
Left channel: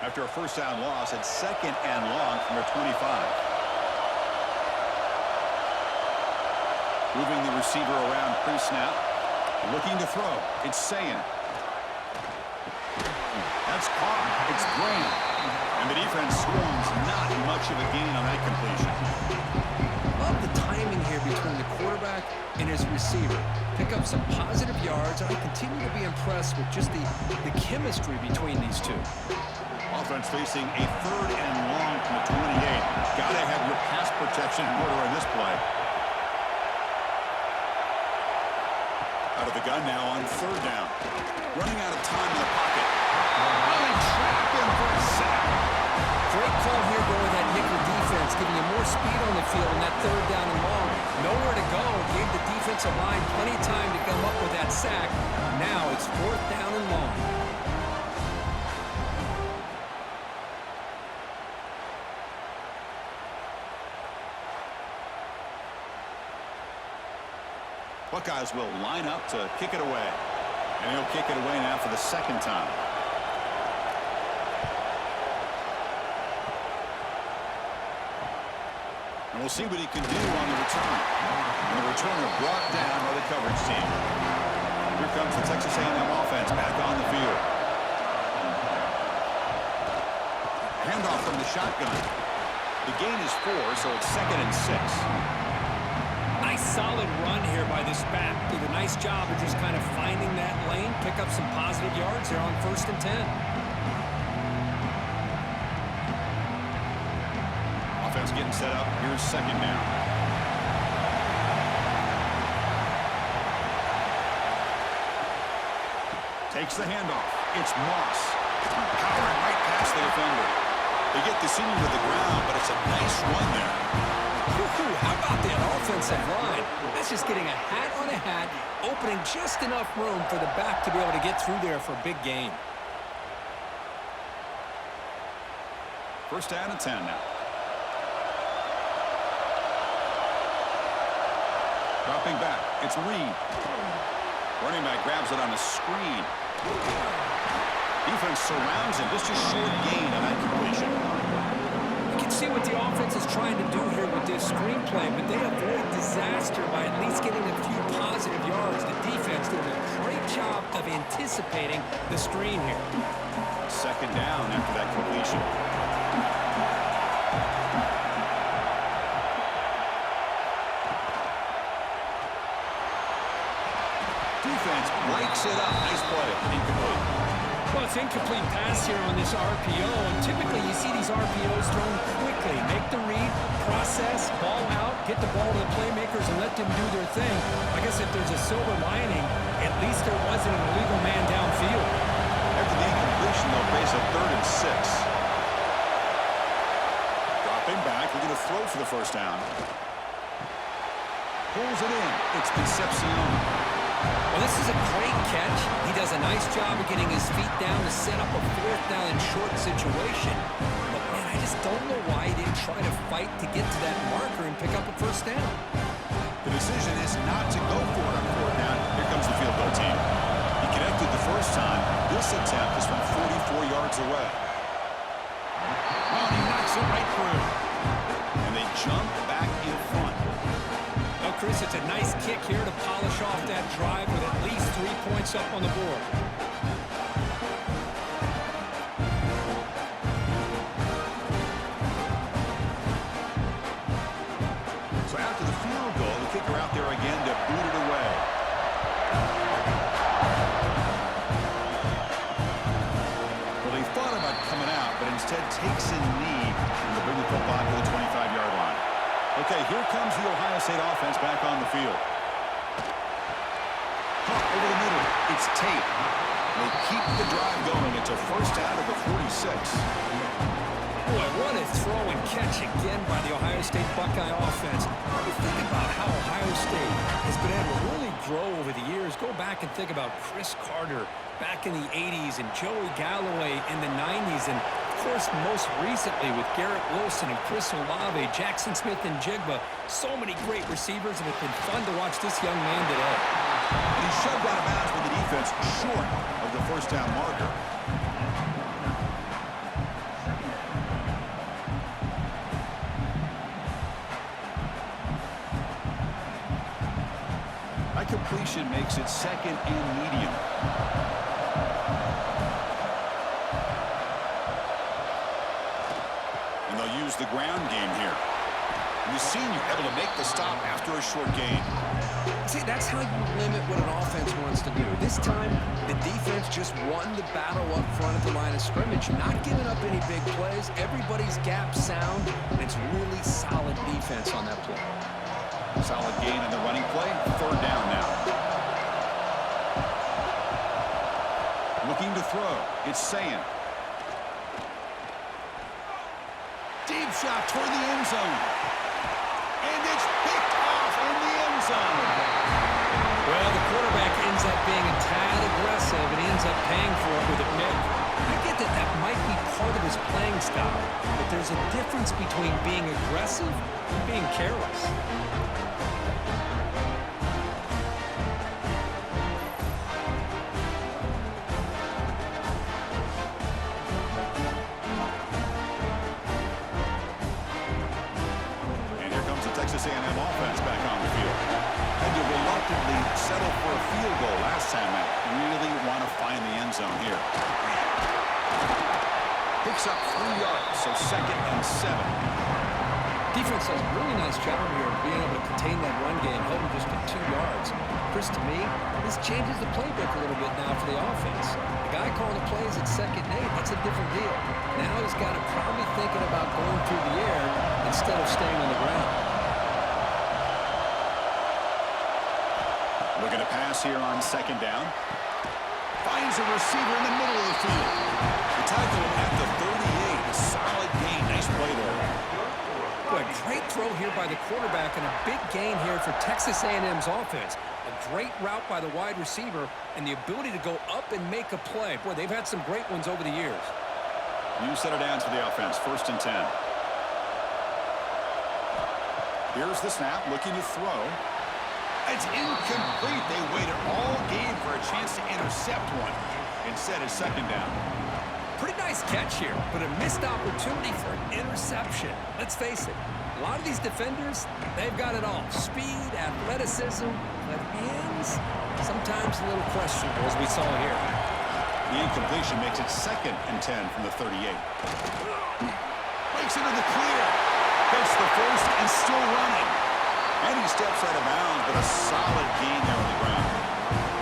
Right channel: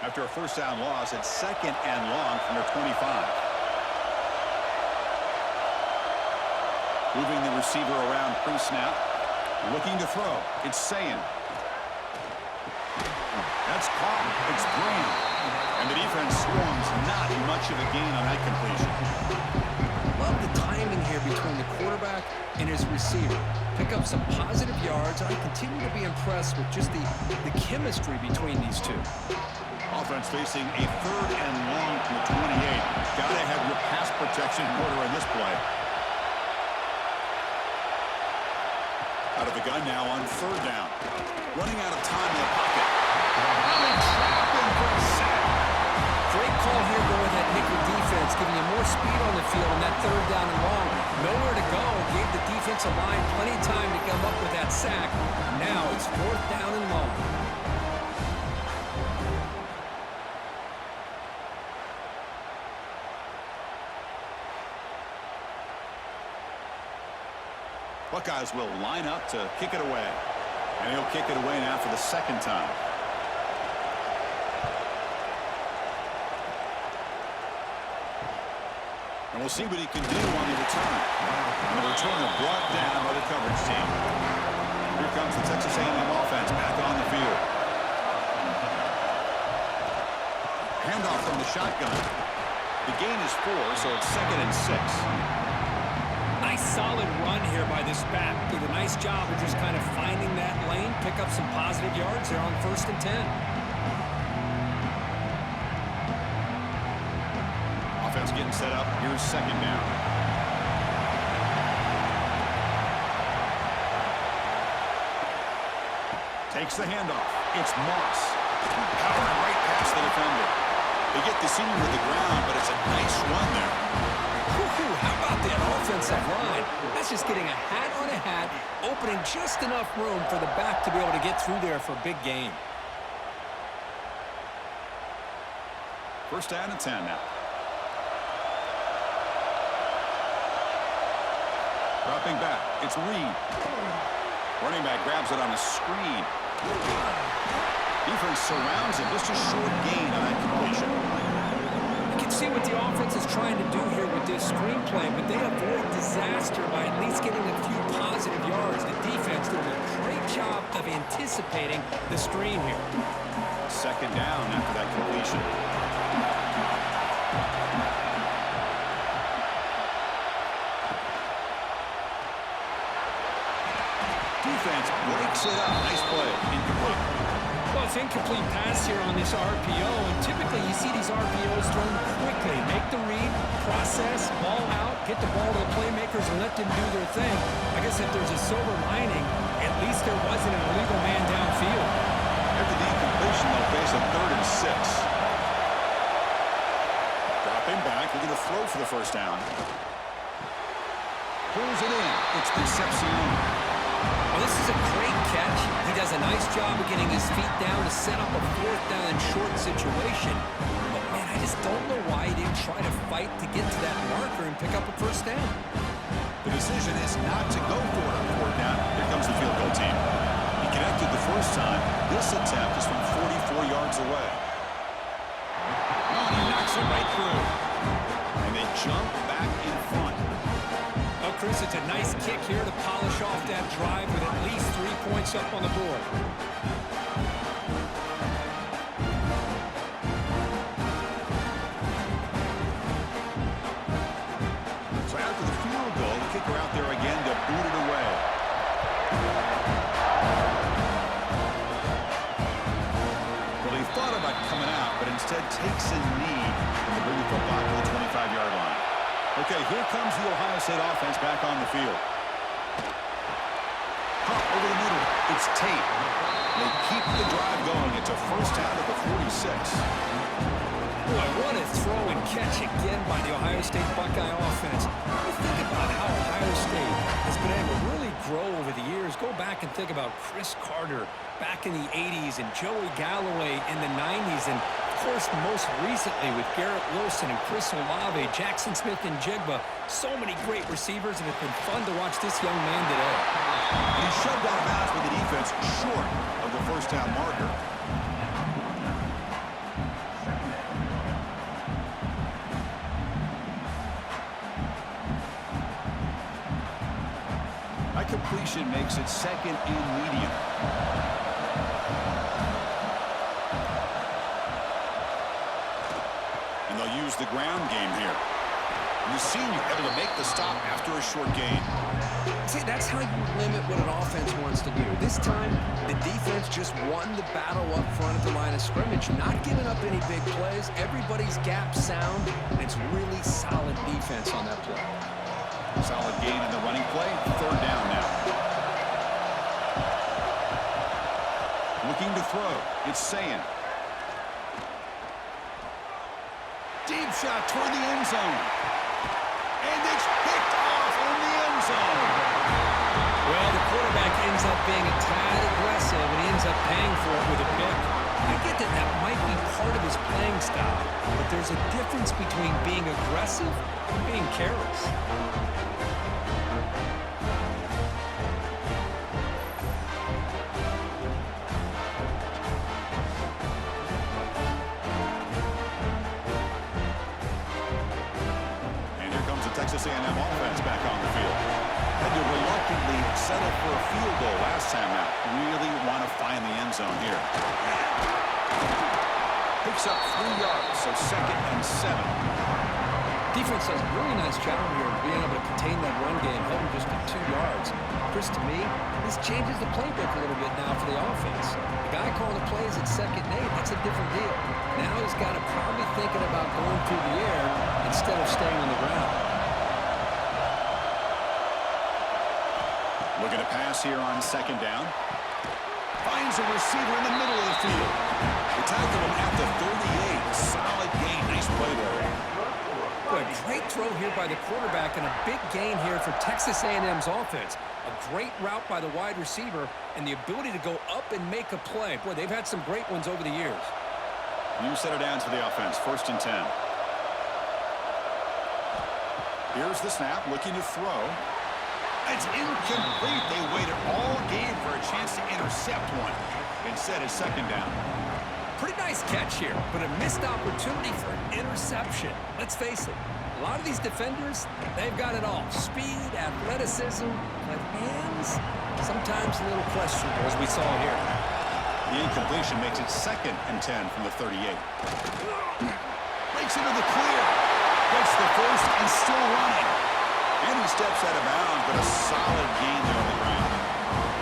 After a first down loss, it's 2nd and long from their 25. Moving the receiver around pre-snap. Looking to throw. It's Sayin. That's caught. It's Graham. And the defense swarms. Not much of a gain on that completion. Love the timing here between the quarterback and his receiver. Pick up some positive yards, and I continue to be impressed with just the chemistry between these two. Offense facing a 3rd and long from the 28. Got to have your pass protection in order in this play. Out of the gun now on 3rd down. Running out of time in the pocket. Oh, they trap him for a sack. Great call here going with that nickel defense, giving you more speed on the field on that 3rd down and long. Nowhere to go. Gave the defensive line plenty of time to come up with that sack. Now it's 4th down and long. Buckeyes will line up to kick it away. And he'll kick it away now for the 2nd time. And we'll see what he can do on the return. And the returner brought down by the coverage team. Here comes the Texas A&M offense back on the field. Handoff from the shotgun. The gain is 4, so it's 2nd and 6. Nice solid run here by this back. Did a nice job of just kind of finding that lane, pick up some positive yards there on 1st and 10. Offense getting set up. Here's 2nd down. Takes the handoff. It's Moss. Powering right past the defender. They get the senior to the ground, but it's a nice run there. How about that offensive line? That's just getting a hat on a hat, opening just enough room for the back to be able to get through there for a big gain. 1st down and 10 now. Dropping back. It's Reed. Running back grabs it on a screen. Defense surrounds him. Just a short gain on that completion. You can see what the offense is trying to do here with this screenplay, but they avoid disaster by at least getting a few positive yards. The defense doing a great job of anticipating the screen here. 2nd down after that completion. Defense breaks it up. Nice play. Incomplete. Well, it's incomplete pass here on this RPO, and typically you see these RPOs thrown quickly. Make the read, process, ball out, get the ball to the playmakers and let them do their thing. I guess if there's a silver lining, at least there wasn't an illegal man downfield. After the incompletion, they'll face a 3rd and 6. Dropping back, looking to throw for the 1st down. Pulls it in. It's Concepcion. Well, this is a great catch. He does a nice job of getting his feet down to set up a 4th down and short situation. But, man, I just don't know why he didn't try to fight to get to that marker and pick up a 1st down. The decision is not to go for it on 4th down. Here comes the field goal team. He connected the 1st time. This attempt is from 44 yards away. Oh, and he knocks it right through. And they jump back in front. Well, Chris, it's a nice kick here to polish off that drive with at least 3 points up on the board. So after the field goal, the kicker out there again to boot it away. instead takes a knee and they bring the football to the 25-yard line. Okay, here comes the Ohio State offense back on the field. Hop over the middle. It's Tate. They keep the drive going. It's a first out of the 46. Boy, what a throw and catch again by the Ohio State Buckeye offense. You think about how Ohio State has been able to really grow over the years. Go back and think about Chris Carter back in the 80s and Joey Galloway in the 90s. And, of course, most recently with Garrett Wilson and Chris Olave, Jackson Smith and Jigba. So many great receivers, and it's been fun to watch this young man today. And he shoved out of bounds with the defense short of the first down marker. That completion makes it second and medium. And they'll use the ground game here. And the senior able to make the stop after a short gain. See, that's how you limit what an offense wants to do. This time, the defense just won the battle up front at the line of scrimmage, not giving up any big plays. Everybody's gap sound, and it's really solid defense on that play. Solid gain in the running play. Third down now. Looking to throw. It's Sayin. Deep shot toward the end zone. And it's picked off in the end zone. Well, the quarterback ends up being a tad aggressive and ends up paying for it with a pick. I get that that might be part of his playing style, but there's a difference between being aggressive and being careless. Texas A&M offense back on the field. Had to reluctantly settle for a field goal last time out. Really want to find the end zone here. Picks up 3 yards, so second and 7. Defense does a really nice job here of being able to contain that run game, held him just to 2 yards. Chris, to me, this changes the playbook a little bit now for the offense. The guy calling the plays at 2nd and 8, that's a different deal. Now he's got to probably thinking about going through the air instead of staying on the ground. Looking to pass here on 2nd down. Finds a receiver in the middle of the field. They tackle him at the 38. Solid gain. Nice play there. Boy, great throw here by the quarterback and a big gain here for Texas A&M's offense. A great route by the wide receiver and the ability to go up and make a play. Boy, they've had some great ones over the years. New set of downs for the offense. 1st and 10. Here's the snap. Looking to throw. It's incomplete. They waited all game for a chance to intercept one. Instead, it's 2nd down. Pretty nice catch here, but a missed opportunity for an interception. Let's face it, a lot of these defenders, they've got it all. Speed, athleticism, but hands, sometimes a little questionable, as we saw here. The incompletion makes it 2nd and 10 from the 38. Breaks into the clear. Gets the first and still running. And he steps out of bounds, but a solid gain there on the ground.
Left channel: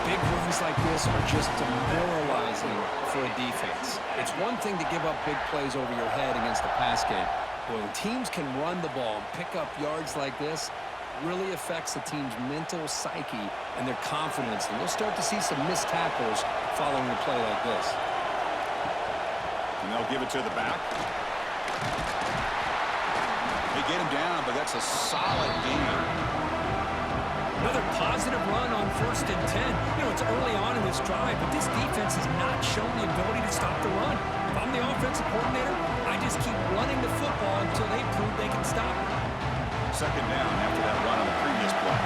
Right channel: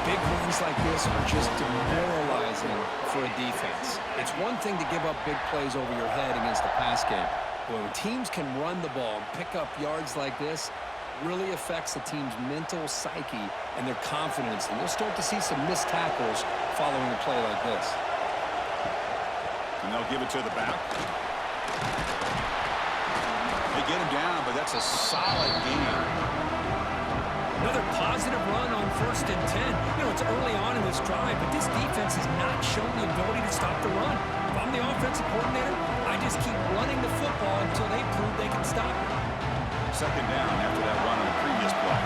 Big runs like this are just demoralizing for a defense. It's one thing to give up big plays over your head against the pass game. But when teams can run the ball and pick up yards like this, it really affects the team's mental psyche and their confidence. And you'll start to see some missed tackles following a play like this. And they'll give it to the back. They get him down, but that's a solid gain. Another positive run on 1st and 10. You know, it's early on in this drive, but this defense has not shown the ability to stop the run. If I'm the offensive coordinator, I just keep running the football until they prove they can stop it. 2nd down after that run on the previous play.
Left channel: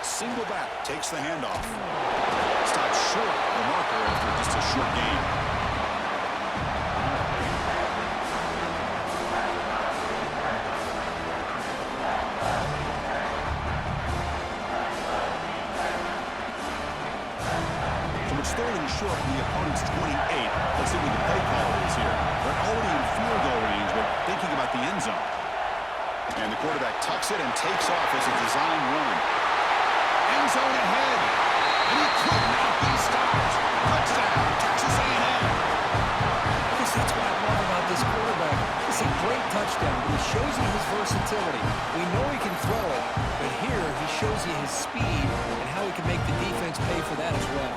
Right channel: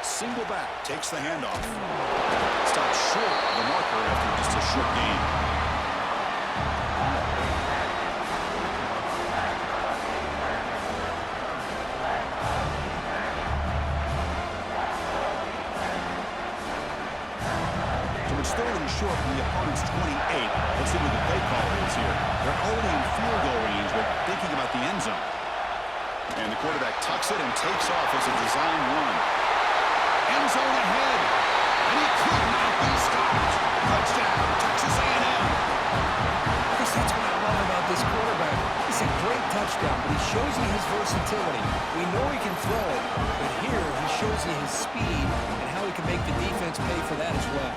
Single back takes the handoff. Stops short of the marker after just a short gain. It's 3rd and short from the opponent's 28. Let's see what the play caller is here. They're already in field goal range, but thinking about the end zone. And the quarterback tucks it and takes off as a design run. End zone ahead. And he could not be stopped. Touchdown, Texas A&M. Chris, that's what I love about this quarterback. It's a great touchdown, but he shows you his versatility. We know he can throw it, but here he shows you his speed and how he can make the defense pay for that as well.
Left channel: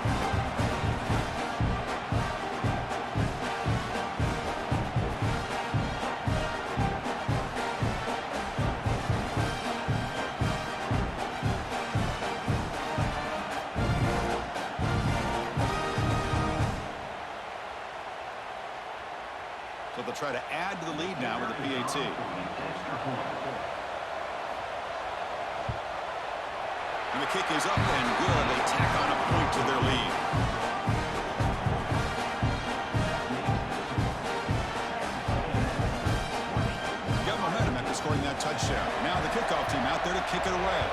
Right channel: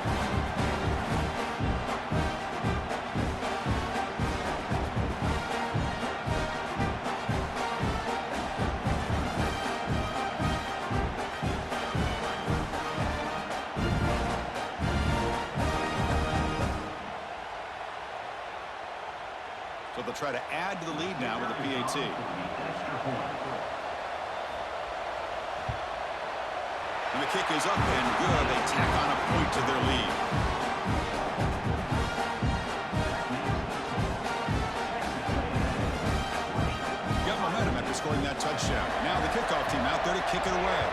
So they'll try to add to the lead now with the PAT. And the kick is up and good. They tack on a point to their lead. Got momentum after scoring that touchdown. Now the kickoff team out there to kick it away.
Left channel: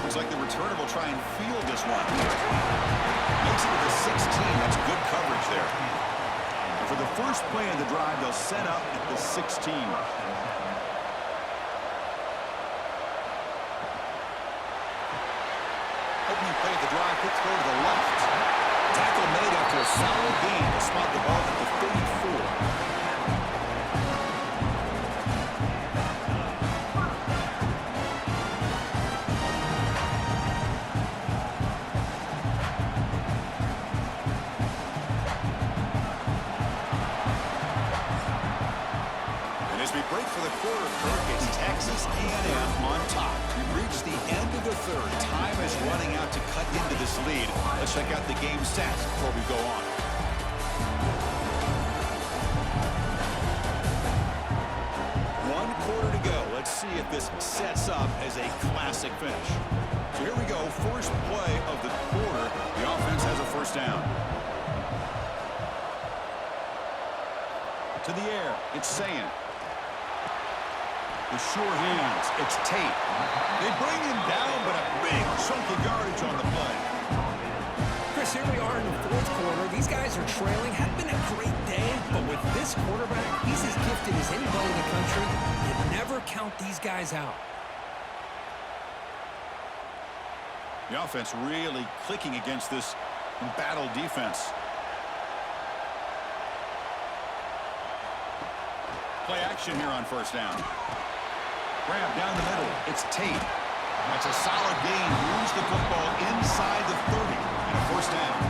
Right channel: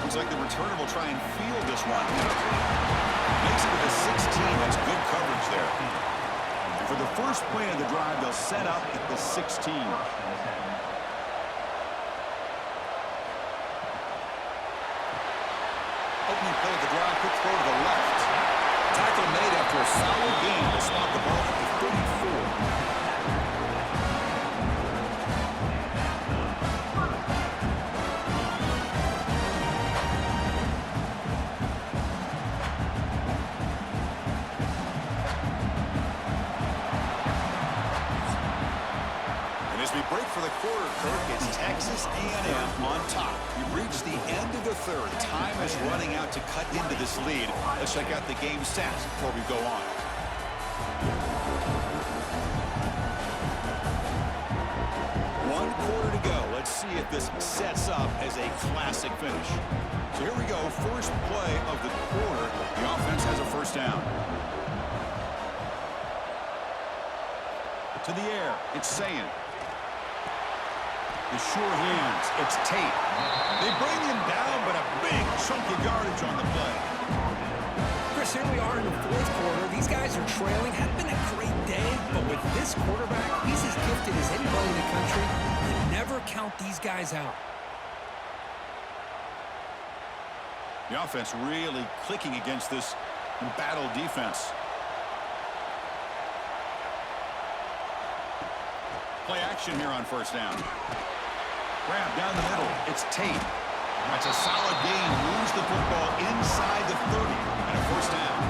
Looks like the returner will try and field this one. Makes it to the 16. That's good coverage there. And for the first play of the drive, they'll set up at the 16. Opening play of the drive, quick throw to the left. Tackle made after a solid gain to spot the ball at the 34. As we break for the quarter, Kirk, it's Texas A&M on top. We've reached the end of the third. Time is running out to cut into this lead. Let's check out the game stats before we go on. One quarter to go. Let's see if this sets up as a classic finish. So here we go. First play of the quarter. The offense has a first down. To the air. It's Sayin. The sure hands. It's Tate. They bring him down, but a big chunk of yardage on the play. Chris, here we are in the fourth quarter. These guys are trailing. Hadn't been a great day, but with this quarterback, he's as gifted as anybody in the country. You never count these guys out. The offense really clicking against this embattled defense. Play action here on first down. Grab down the middle. It's Tate. That's a solid gain. Moves the football inside the 30 and a first down.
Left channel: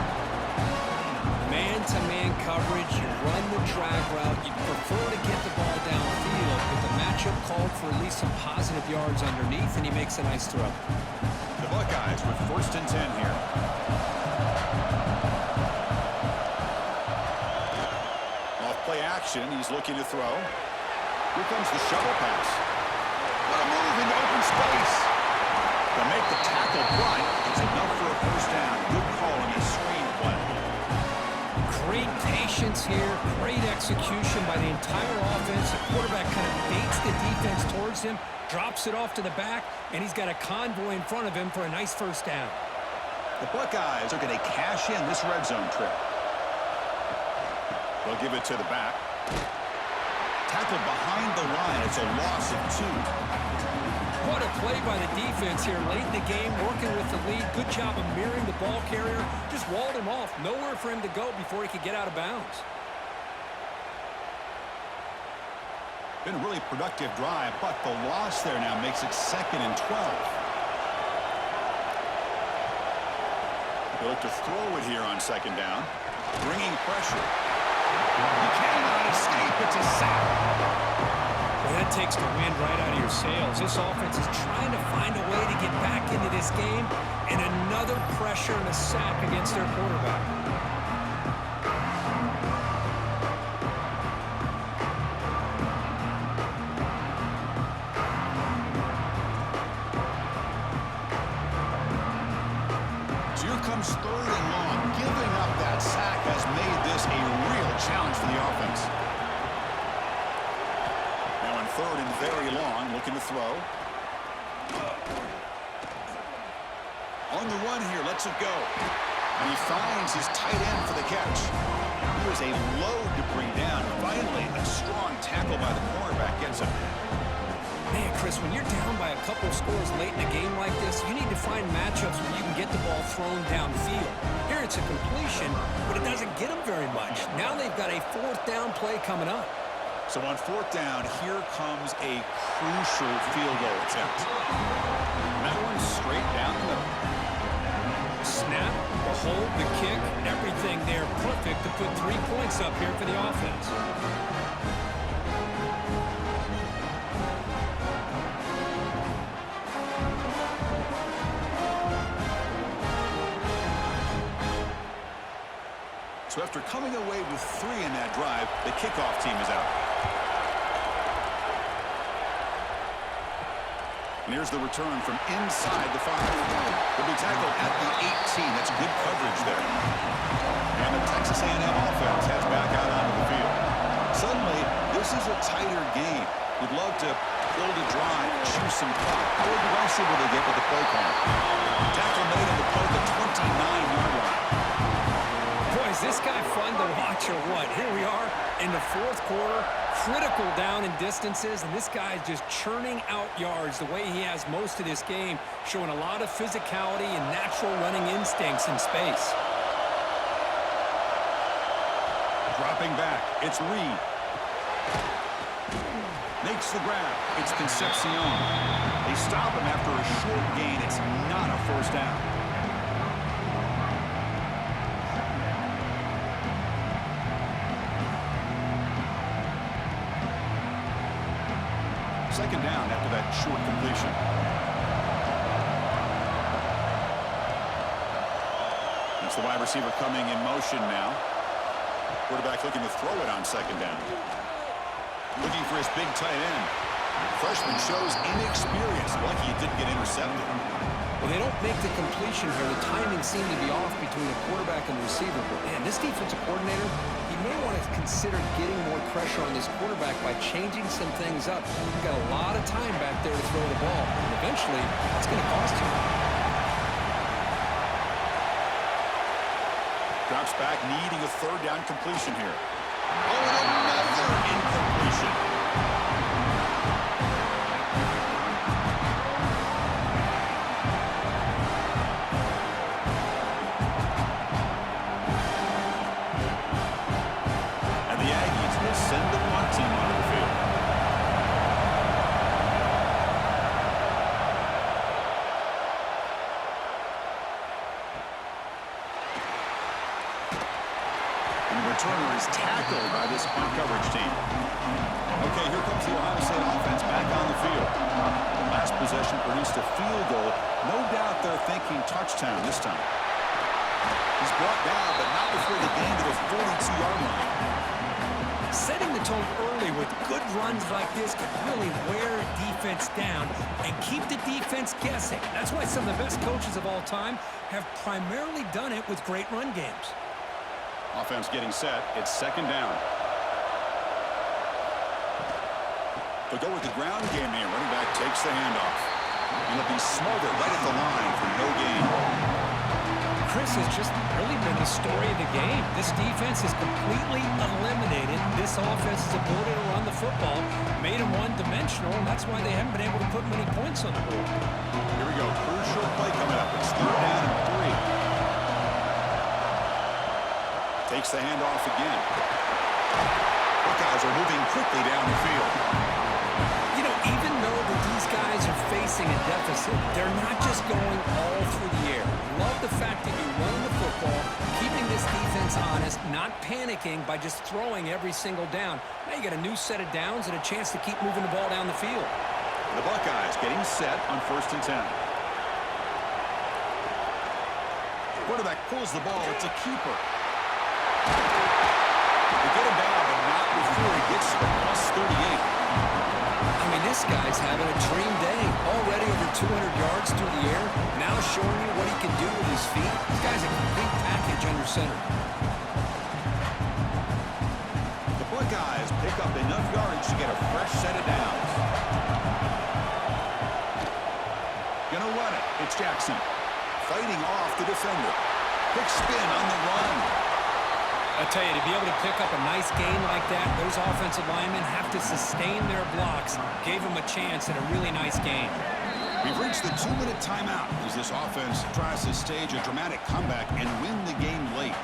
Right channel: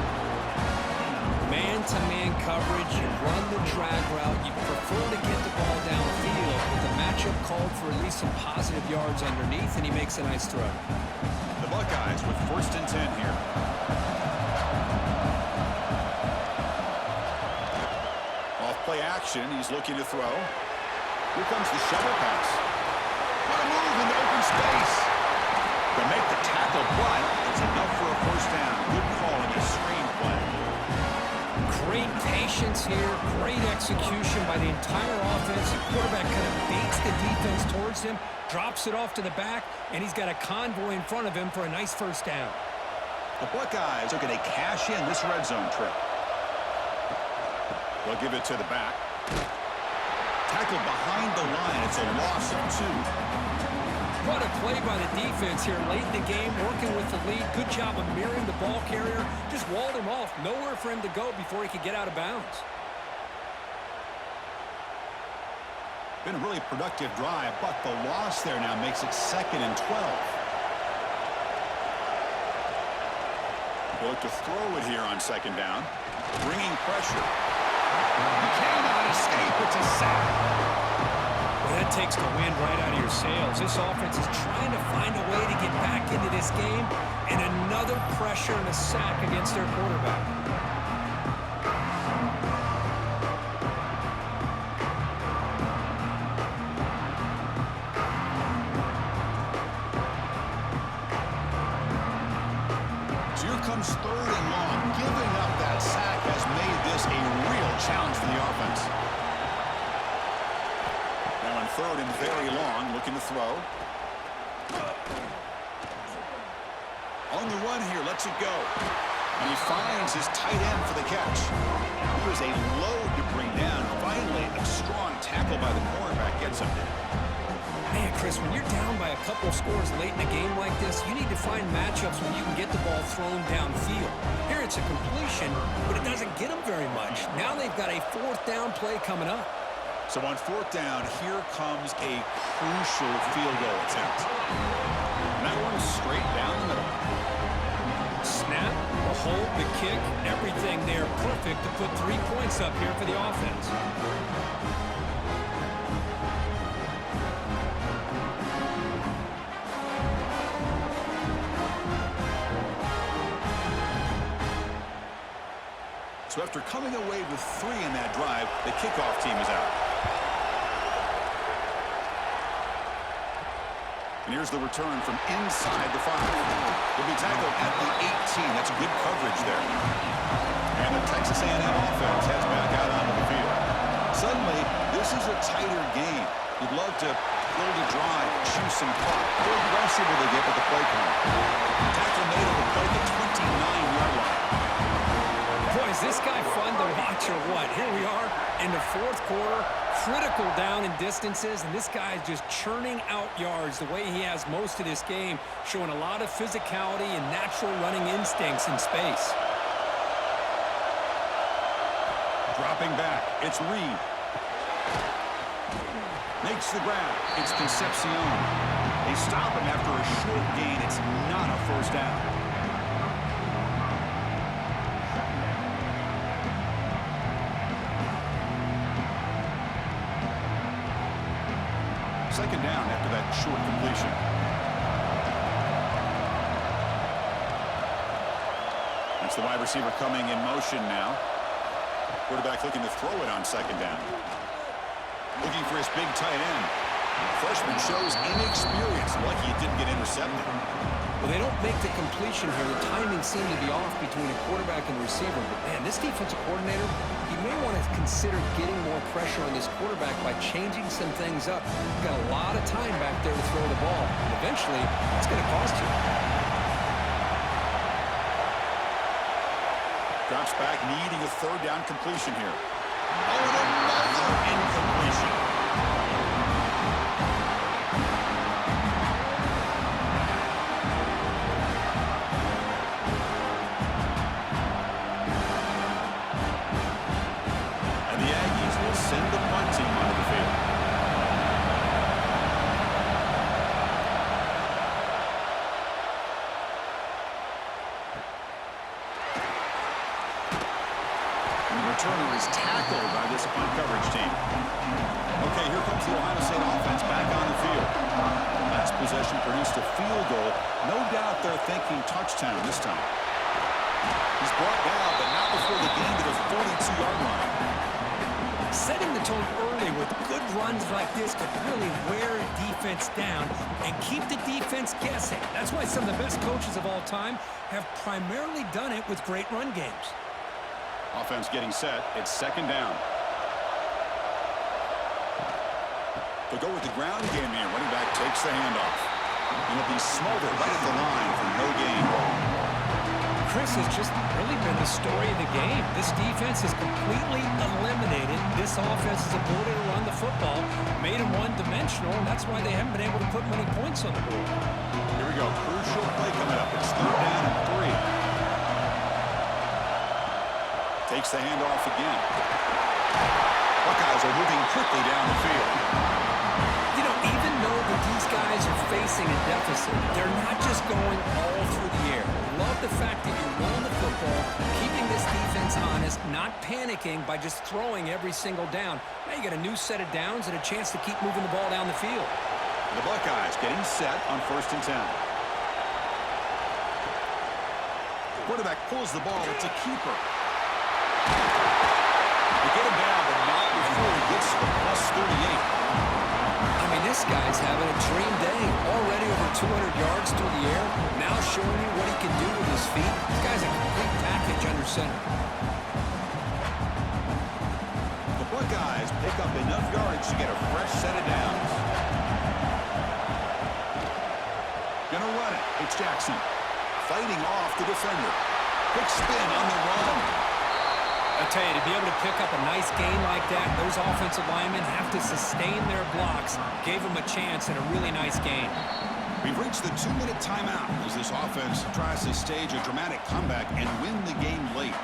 Man-to-man coverage. You run the drag route. You prefer to get the ball downfield, but the matchup called for at least some positive yards underneath, and he makes a nice throw. The Buckeyes with first and 10 here. Off play action. He's looking to throw. Here comes the shovel pass. What a move into open space. To make the tackle, but it's enough for a first down. Good call on this screen play. Great patience here. Great execution by the entire offense. The quarterback kind of baits the defense towards him, drops it off to the back, and he's got a convoy in front of him for a nice first down. The Buckeyes are going to cash in this red zone trip. They'll give it to the back. Tackled behind the line. It's a loss of 2. What a play by the defense here late in the game, working with the lead. Good job of mirroring the ball carrier. Just walled him off. Nowhere for him to go before he could get out of bounds. Been a really productive drive, but the loss there now makes it 2nd and 12. They look to throw it here on 2nd down. Bringing pressure. He cannot escape. It's a sack. Well, that takes the wind right out of your sails. This offense is trying to find a way to get back into this game, and another pressure and a sack against their quarterback. So here comes 3rd and long. Giving up that sack has made this a real challenge for the offense. Now in 3rd and very long, looking to throw. On the run here, lets it go. And he finds his tight end for the catch. He was a load to bring down. Finally, a strong tackle by the cornerback gets him. Man, Chris, when you're down by a couple scores late in a game like this, you need to find matchups where you can get the ball thrown downfield. Here it's a completion, but it doesn't get them very much. Now they've got a fourth down play coming up. So on fourth down, here comes a crucial field goal attempt. And that one's straight down the middle. Snap, the hold, the kick, everything there perfect to put 3 points up here for the offense. So after coming away with 3 in that drive, the kickoff team is out. And here's the return from inside the 5. He'll be tackled at the 18. That's good coverage there. And the Texas A&M offense heads back out onto the field. Suddenly, this is a tighter game. You'd love to build a drive, choose some clock. How aggressive will they get with the play call? Tackle made on the play at the 29-yard line. Boy, is this guy fun to watch or what? Here we are in the fourth quarter, critical down in distances, and this guy is just churning out yards the way he has most of this game, showing a lot of physicality and natural running instincts in space. Dropping back, it's Reed. Makes the grab, it's Concepcion. They stop him after a short gain. It's not a first down. Second down after that short completion. That's the wide receiver coming in motion now. Quarterback looking to throw it on second down. Looking for his big tight end. Freshman shows inexperience. Lucky it didn't get intercepted. Well, they don't make the completion here. The timing seemed to be off between a quarterback and receiver. But, man, this defensive coordinator, he may want to consider getting more pressure on this quarterback by changing some things up. He's got a lot of time back there to throw the ball. And eventually, that's going to cost you. Drops back, needing a third down completion here. Oh, and another incompletion. And the Aggies will send the punt team onto the field. Returner is tackled by this punt coverage team. Okay, here comes the Ohio State offense back on the field. Last possession produced a field goal. No doubt they're thinking touchdown this time. He's brought down, but not before the gain to the 42-yard line. Setting the tone early with good runs like this could really wear a defense down and keep the defense guessing. That's why some of the best coaches of all time have primarily done it with great run games. Offense getting set. It's second down. They'll go with the ground game here. Running back takes the handoff. And it'll be Smolder right at the line for no gain. Chris has just really been the story of the game. This defense has completely eliminated this offense's ability to run the football, made them one-dimensional, and that's why they haven't been able to put many points on the board. Here we go. Crucial play coming up. It's third down and 3. Takes the handoff again. Buckeyes are moving quickly down the field. You know, even though these guys are facing a deficit, they're not just going all through the air. Love the fact that you're running the football, keeping this defense honest, not panicking by just throwing every single down. Now you got a new set of downs and a chance to keep moving the ball down the field. The Buckeyes getting set on 1st and 10. Quarterback pulls the ball. It's a keeper. They get him down, but not before he gets to the +38. I mean, this guy's having a dream day. Already over 200 yards through the air. Now showing you what he can do with his feet. This guy's a complete package under center. The Buckeyes pick up enough yardage to get a fresh set of downs. Gonna run it. It's Jackson. Fighting off the defender. Quick spin on the run. I tell you, to be able to pick up a nice gain like that, those offensive linemen have to sustain their blocks. Gave them a chance at a really nice gain. We've reached the 2-minute timeout as this offense tries to stage a dramatic comeback and win the game late.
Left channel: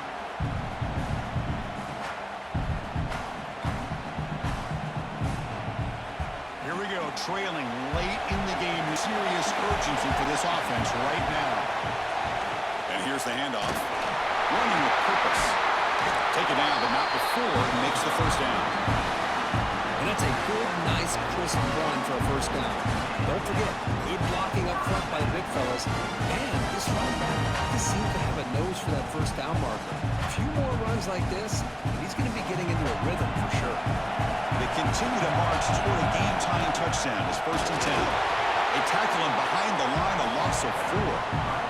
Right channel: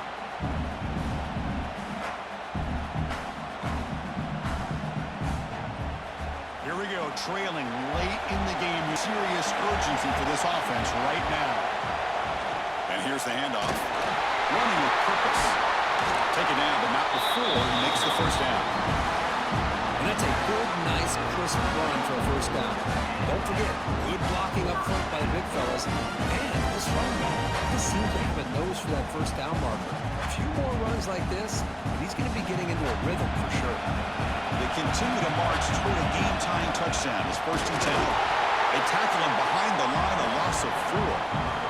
Here we go, trailing late in the game. Serious urgency for this offense right now. And here's the handoff. Running with purpose. Take it down, but not before he makes the first down. And that's a good, nice, crisp run for a first down. Don't forget, good blocking up front by the big fellas. And this running back just seems to have a nose for that first down marker. A few more runs like this, and he's going to be getting into a rhythm for sure. They continue to march toward a game-tying touchdown. It's 1st and 10. They tackle him behind the line, a loss of 4.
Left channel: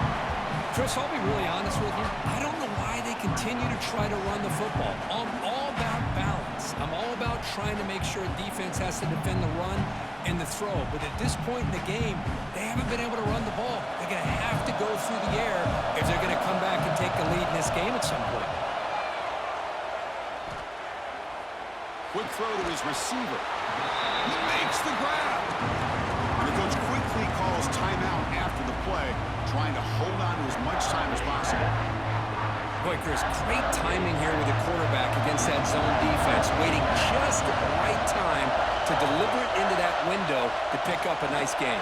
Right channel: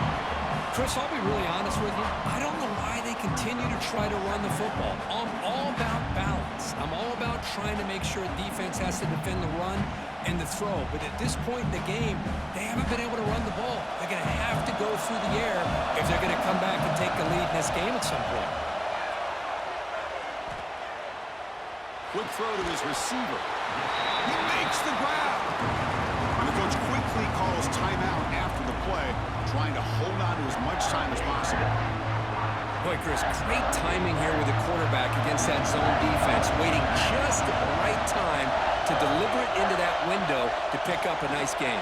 Chris, I'll be really honest with you. I don't know why they continue to try to run the football. I'm all about balance. I'm all about trying to make sure defense has to defend the run and the throw. But at this point in the game, they haven't been able to run the ball. They're going to have to go through the air if they're going to come back and take the lead in this game at some point. Quick throw to his receiver. He makes the grab. And the coach quickly calls timeout after the play, trying to hold on to as much time as possible. Boy, Chris, great timing here with the quarterback against that zone defense, waiting just at the right time to deliver it into that window to pick up a nice gain.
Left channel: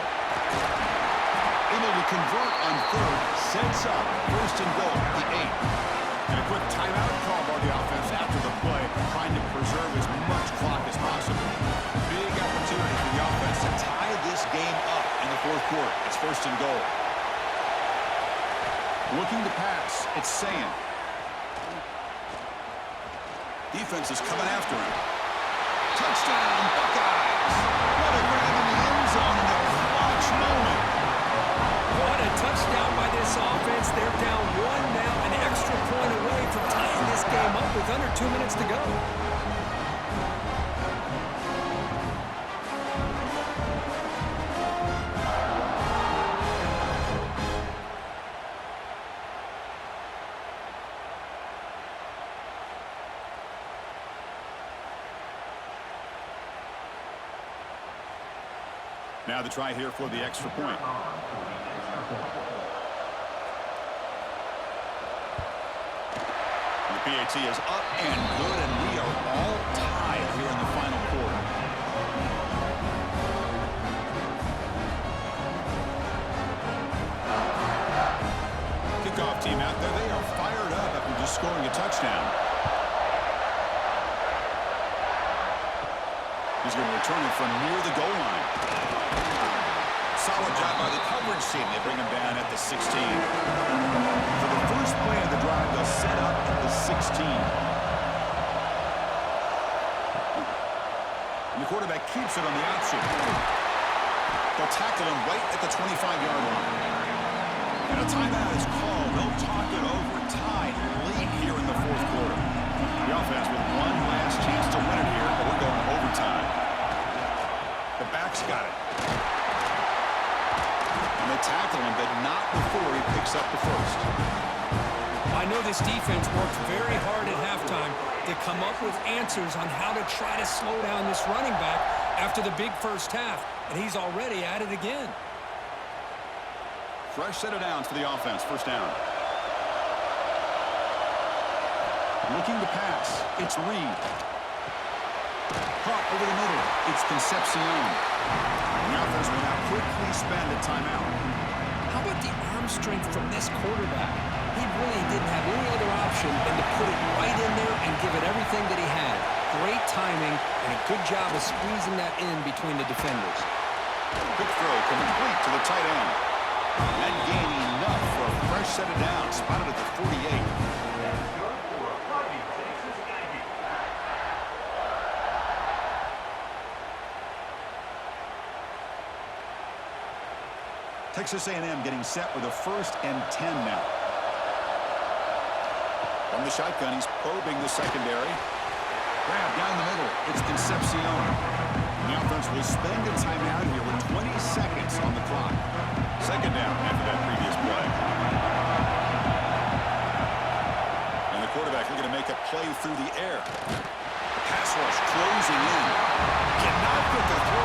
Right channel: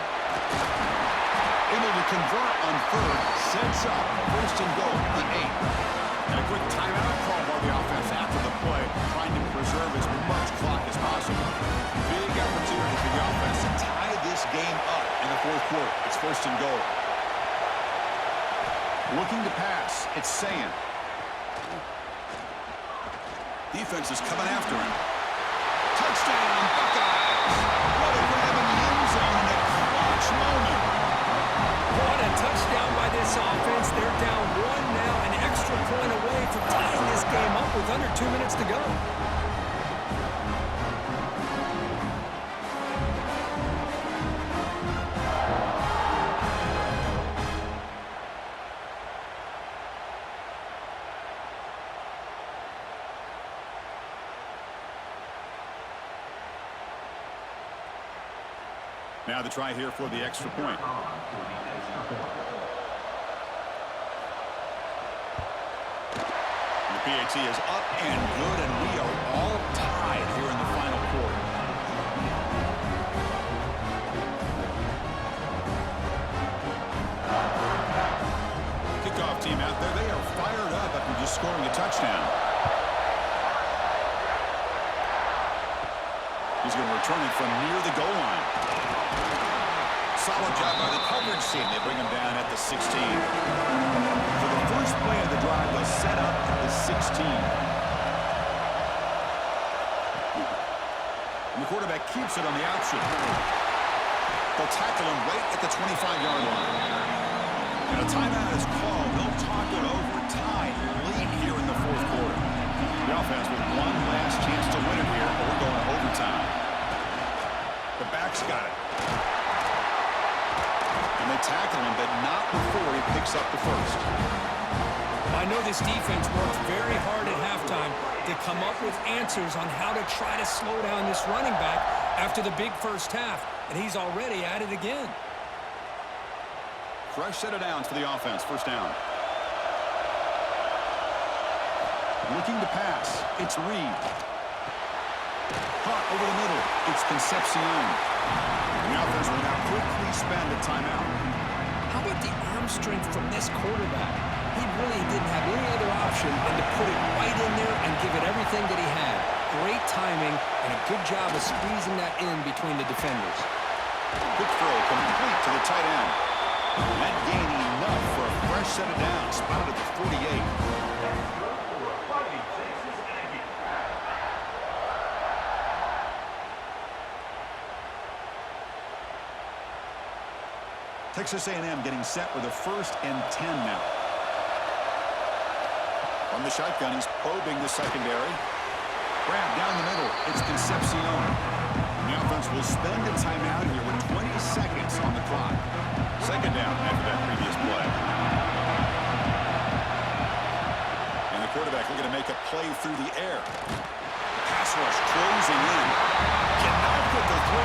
Able to convert on 3rd, sets up 1st and goal at the 8. And a quick timeout call by the offense after the play, trying to preserve as much clock as possible. Big opportunity for the offense to tie this game up in the 4th quarter. It's 1st and goal. Looking to pass, it's Sayan. Defense is coming after him. Touchdown, Buckeyes! What a grab in the end zone in a clutch moment. What a touchdown by this offense. They're down 1 now, an extra point away from tying this game up with under 2 minutes to go. Now the try here for the extra point. And the PAT is up and good, and we are all tied here in the final quarter. Kickoff team out there, they are fired up after just scoring a touchdown. He's going to return it from near the goal line. Solid job by the coverage team. They bring him down at the 16. For the first play of the drive, they'll set up at the 16. And the quarterback keeps it on the option. They'll tackle him right at the 25-yard line. And a timeout is called. They'll talk it over, tied late here in the 4th quarter. The offense with one last chance to win it here, but we're going to overtime. The back's got it. And they tackle him, but not before he picks up the first. I know this defense worked very hard at halftime to come up with answers on how to try to slow down this running back after the big first half, and he's already at it again. Fresh set of downs for the offense. First down. Looking to pass. It's Reed. Caught over the middle. It's Concepcion. The offense will now quickly spend a timeout. How about the arm strength from this quarterback? He really didn't have any other option than to put it right in there and give it everything that he had. Great timing and a good job of squeezing that in between the defenders. Quick throw complete to the tight end. That gain enough for a fresh set of downs. Spotted at the 48. That's good for a fighting Texas Aggie. Texas A&M getting set with a 1st and 10 now. From the shotgun, he's probing the secondary. Grab down the middle. It's Concepcion. The offense will spend a timeout here with 20 seconds on the clock. Second down after that previous play. And the quarterback looking to make a play through the air. The pass rush closing in. Cannot put the throw